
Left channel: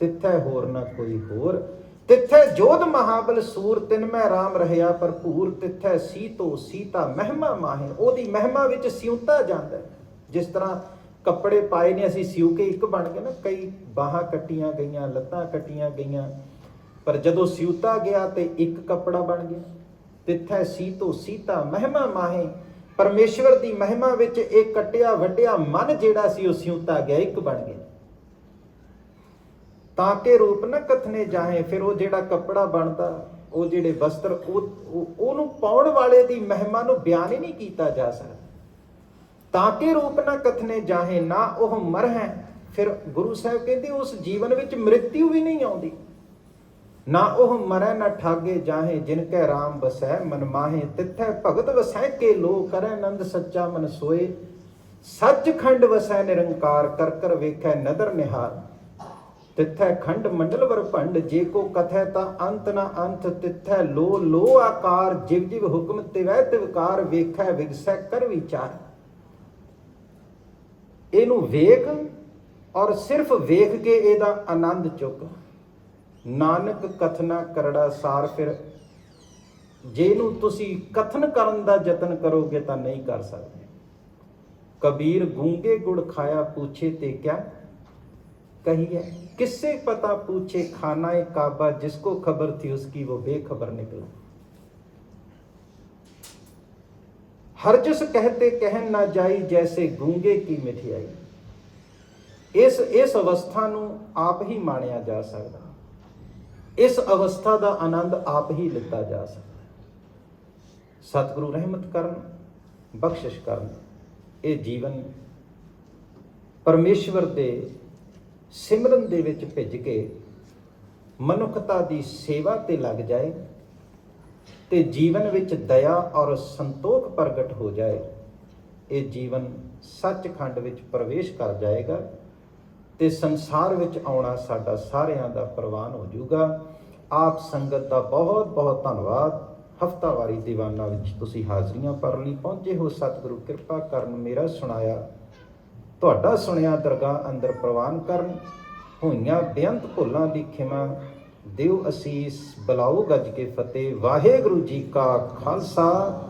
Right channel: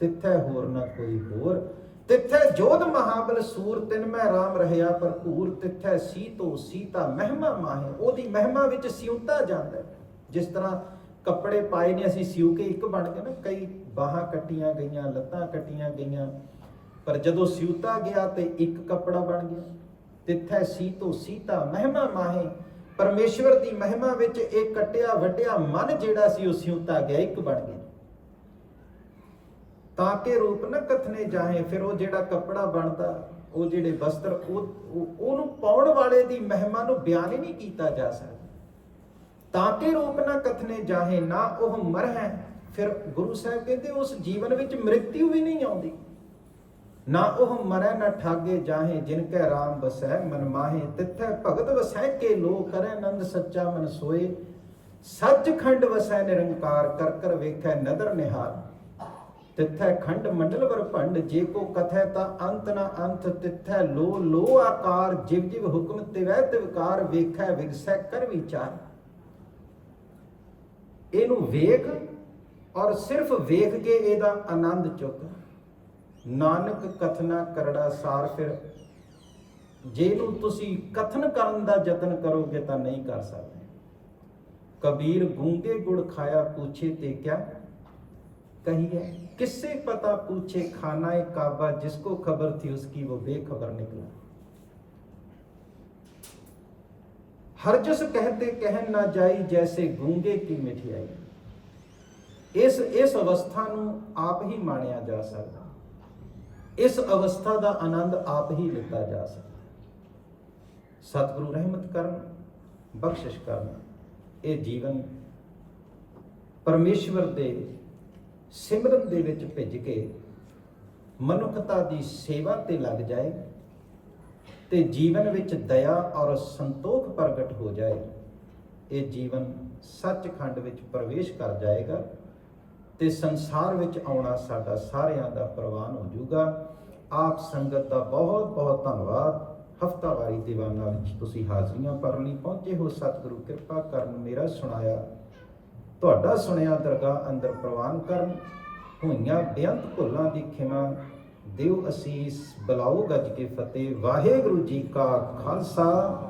ਤਿੱਥੈ ਹੋਰ ਨਾ ਕੋਈ ਹੋਰ, ਤਿੱਥੈ ਜੋਧ ਮਹਾਬਲ ਸੂਰ, ਤਿਨ ਮੈਂ ਰਾਮ ਰਹਿਆ ਭਰਪੂਰ, ਤਿੱਥੈ ਸੀਤੋ ਸੀਤਾ ਮਹਿਮਾ ਮਾਹੇ। ਉਹਦੀ ਮਹਿਮਾ ਵਿੱਚ ਸਿਉਂਤਾ ਜਾਂਦਾ ਹੈ। ਜਿਸ ਤਰ੍ਹਾਂ ਕੱਪੜੇ ਪਾਏ ਨੇ ਅਸੀਂ ਸਿਉ ਕੇ ਇੱਕ ਬਣ ਗਏ ਨਾ, ਕਈ ਬਾਹਾਂ ਕੱਟੀਆਂ ਗਈਆਂ, ਲੱਤਾਂ ਕੱਟੀਆਂ ਗਈਆਂ, ਪਰ ਜਦੋਂ ਸਿਉਤਾ ਗਿਆ ਤੇ ਇੱਕ ਕੱਪੜਾ ਬਣ ਗਿਆ। ਤਿੱਥੈ ਸੀਤੋ ਸੀਤਾ ਮਹਿਮਾ ਮਾਹੇ, ਪਰਮੇਸ਼ਵਰ ਦੀ ਮਹਿਮਾ ਵਿੱਚ ਇਹ ਕੱਟਿਆ ਵੱਡਿਆ ਮਨ ਜਿਹੜਾ ਸੀ ਉਹ ਸਿਉਤਾ ਗਿਆ, ਇੱਕ ਬਣ ਗਿਆ। ਤਾਂ ਕਿ ਰੂਪ ਨਾ ਕਥਨੇ ਜਾਹੇ, ਫਿਰ ਉਹ ਜਿਹੜਾ ਕੱਪੜਾ ਬਣਦਾ, ਉਹ ਜਿਹੜੇ ਵਸਤਰ, ਉਹਨੂੰ ਪਾਉਣ ਵਾਲੇ ਦੀ ਮਹਿਮਾ ਨੂੰ ਬਿਆਨ ਹੀ ਨਹੀਂ ਕੀਤਾ ਜਾ ਸਕਦਾ। ਤਾਂ ਕਿ ਰੂਪ ਨਾ ਕਥਨੇ ਜਾਹੇ, ਨਾ ਉਹ ਮਰ ਹੈ। ਫਿਰ ਗੁਰੂ ਸਾਹਿਬ ਕਹਿੰਦੇ ਉਸ ਜੀਵਨ ਵਿੱਚ ਮ੍ਰਿਤਿਉ ਵੀ ਨਹੀਂ ਆਉਂਦੀ। ਨਾ ਉਹ ਮਰੈ ਨਾ ਠਾਗੇ ਜਾਹੇ, ਜਿਨ ਕੈ ਰਾਮ ਬਸੈ ਮਨ ਮਾਹੇ, ਤਿੱਥੈ ਭਗਤ ਵਸੈ ਕੇ ਲੋ, ਕਰੈ ਆਨੰਦ ਸੱਚਾ ਮਨ ਸੋਏ, ਸੱਚਖੰਡ ਵਸੈ ਨਿਰੰਕਾਰ, ਕਰ ਕਰ ਵੇਖੈ ਨਦਰ ਨਿਹਾਲ, ਤਿੱਥੈ ਖੰਡ ਮੰਡਲ ਵਰ ਭੰਡ, ਜੇ ਕੋ ਕਥੈ ਤਾਂ ਅੰਤ ਨਾ ਅੰਤ, ਤਿੱਥੈ ਲੋ ਲੋ ਆਕਾਰ, ਜਿਵ ਜਿਵ ਹੁਕਮ ਤਿਵੈ ਤਿਵਕਾਰ, ਵੇਖੈ ਵਿਗਸੈ ਕਰ ਵਿਚਾਰ। ਇਹਨੂੰ ਵੇਖ ਔਰ ਸਿਰਫ ਵੇਖ ਕੇ ਇਹਦਾ ਆਨੰਦ ਚੁੱਕ। ਨਾਨਕ ਕਥਨਾ ਕਰੜਾ ਸਾਰ, ਫਿਰ ਜੇ ਇਹਨੂੰ ਤੁਸੀਂ ਕਥਨ ਕਰਨ ਦਾ ਯਤਨ ਕਰੋਗੇ ਤਾਂ ਨਹੀਂ ਕਰ ਸਕਦੇ। ਕਬੀਰ ਗੂੰਗੇ ਗੁੜ ਖਾਇਆ ਪੂਛੇ ਤੇ ਕਿਆ ਕਹੀਏ, किससे पता पूछे खाना काबा, जिसको खबर थी उसकी वो बेखबर निकला। हरजस कहते कहन ना जाई, जैसे गूंगे की मिठाई। इस अवस्था ਨੂੰ ਆਪ ਹੀ ਮਾਣਿਆ ਜਾ ਸਕਦਾ, ਇਸ ਅਵਸਥਾ ਦਾ ਆਨੰਦ ਆਪ ਹੀ ਲਿੱਤਾ ਜਾ ਸਕਦਾ। ਸਤਿਗੁਰੂ ਰਹਿਮਤ ਕਰਨ, ਬਖਸ਼ਿਸ਼ ਕਰਨ, ਇਹ ਜੀਵਨ ਪਰਮੇਸ਼ਵਰ ਦੇ ਸਿਮਰਨ ਦੇ ਵਿੱਚ ਭਿੱਜ ਕੇ ਮਨੁੱਖਤਾ ਦੀ ਸੇਵਾ ਤੇ ਲੱਗ ਜਾਏ ਤੇ ਜੀਵਨ ਵਿੱਚ ਦਇਆ ਔਰ ਸੰਤੋਖ ਪ੍ਰਗਟ ਹੋ ਜਾਏ, ਇਹ ਜੀਵਨ ਸੱਚਖੰਡ ਵਿੱਚ ਪ੍ਰਵੇਸ਼ ਕਰ ਜਾਏਗਾ ਤੇ ਸੰਸਾਰ ਵਿੱਚ ਆਉਣਾ ਸਾਡਾ ਸਾਰਿਆਂ ਦਾ ਪ੍ਰਵਾਨ ਹੋ ਜਾਊਗਾ। ਆਪ ਸੰਗਤ ਦਾ ਬਹੁਤ ਬਹੁਤ ਧੰਨਵਾਦ। ਹਫ਼ਤਾਵਾਰੀ ਦੀਵਾਨਾਂ ਵਿੱਚ ਤੁਸੀਂ ਹਾਜ਼ਰੀਆਂ ਭਰਨ ਲਈ ਪਹੁੰਚੇ ਹੋ। ਸਤਿਗੁਰੂ ਕਿਰਪਾ ਕਰਨ, ਮੇਰਾ ਸੁਣਾਇਆ ਤੁਹਾਡਾ ਸੁਣਿਆ ਦਰਗਾਹ ਅੰਦਰ ਪ੍ਰਵਾਨ ਕਰਨ। ਹੋਈਆਂ ਬੇਅੰਤ ਭੁੱਲਾਂ ਦੀ ਖਿਮਾ ਦਿਓ ਅਸੀਸ, ਬੁਲਾਓ ਗੱਜ ਕੇ ਫਤਿਹ। ਵਾਹਿਗੁਰੂ ਜੀ ਕਾ ਖਾਲਸਾ,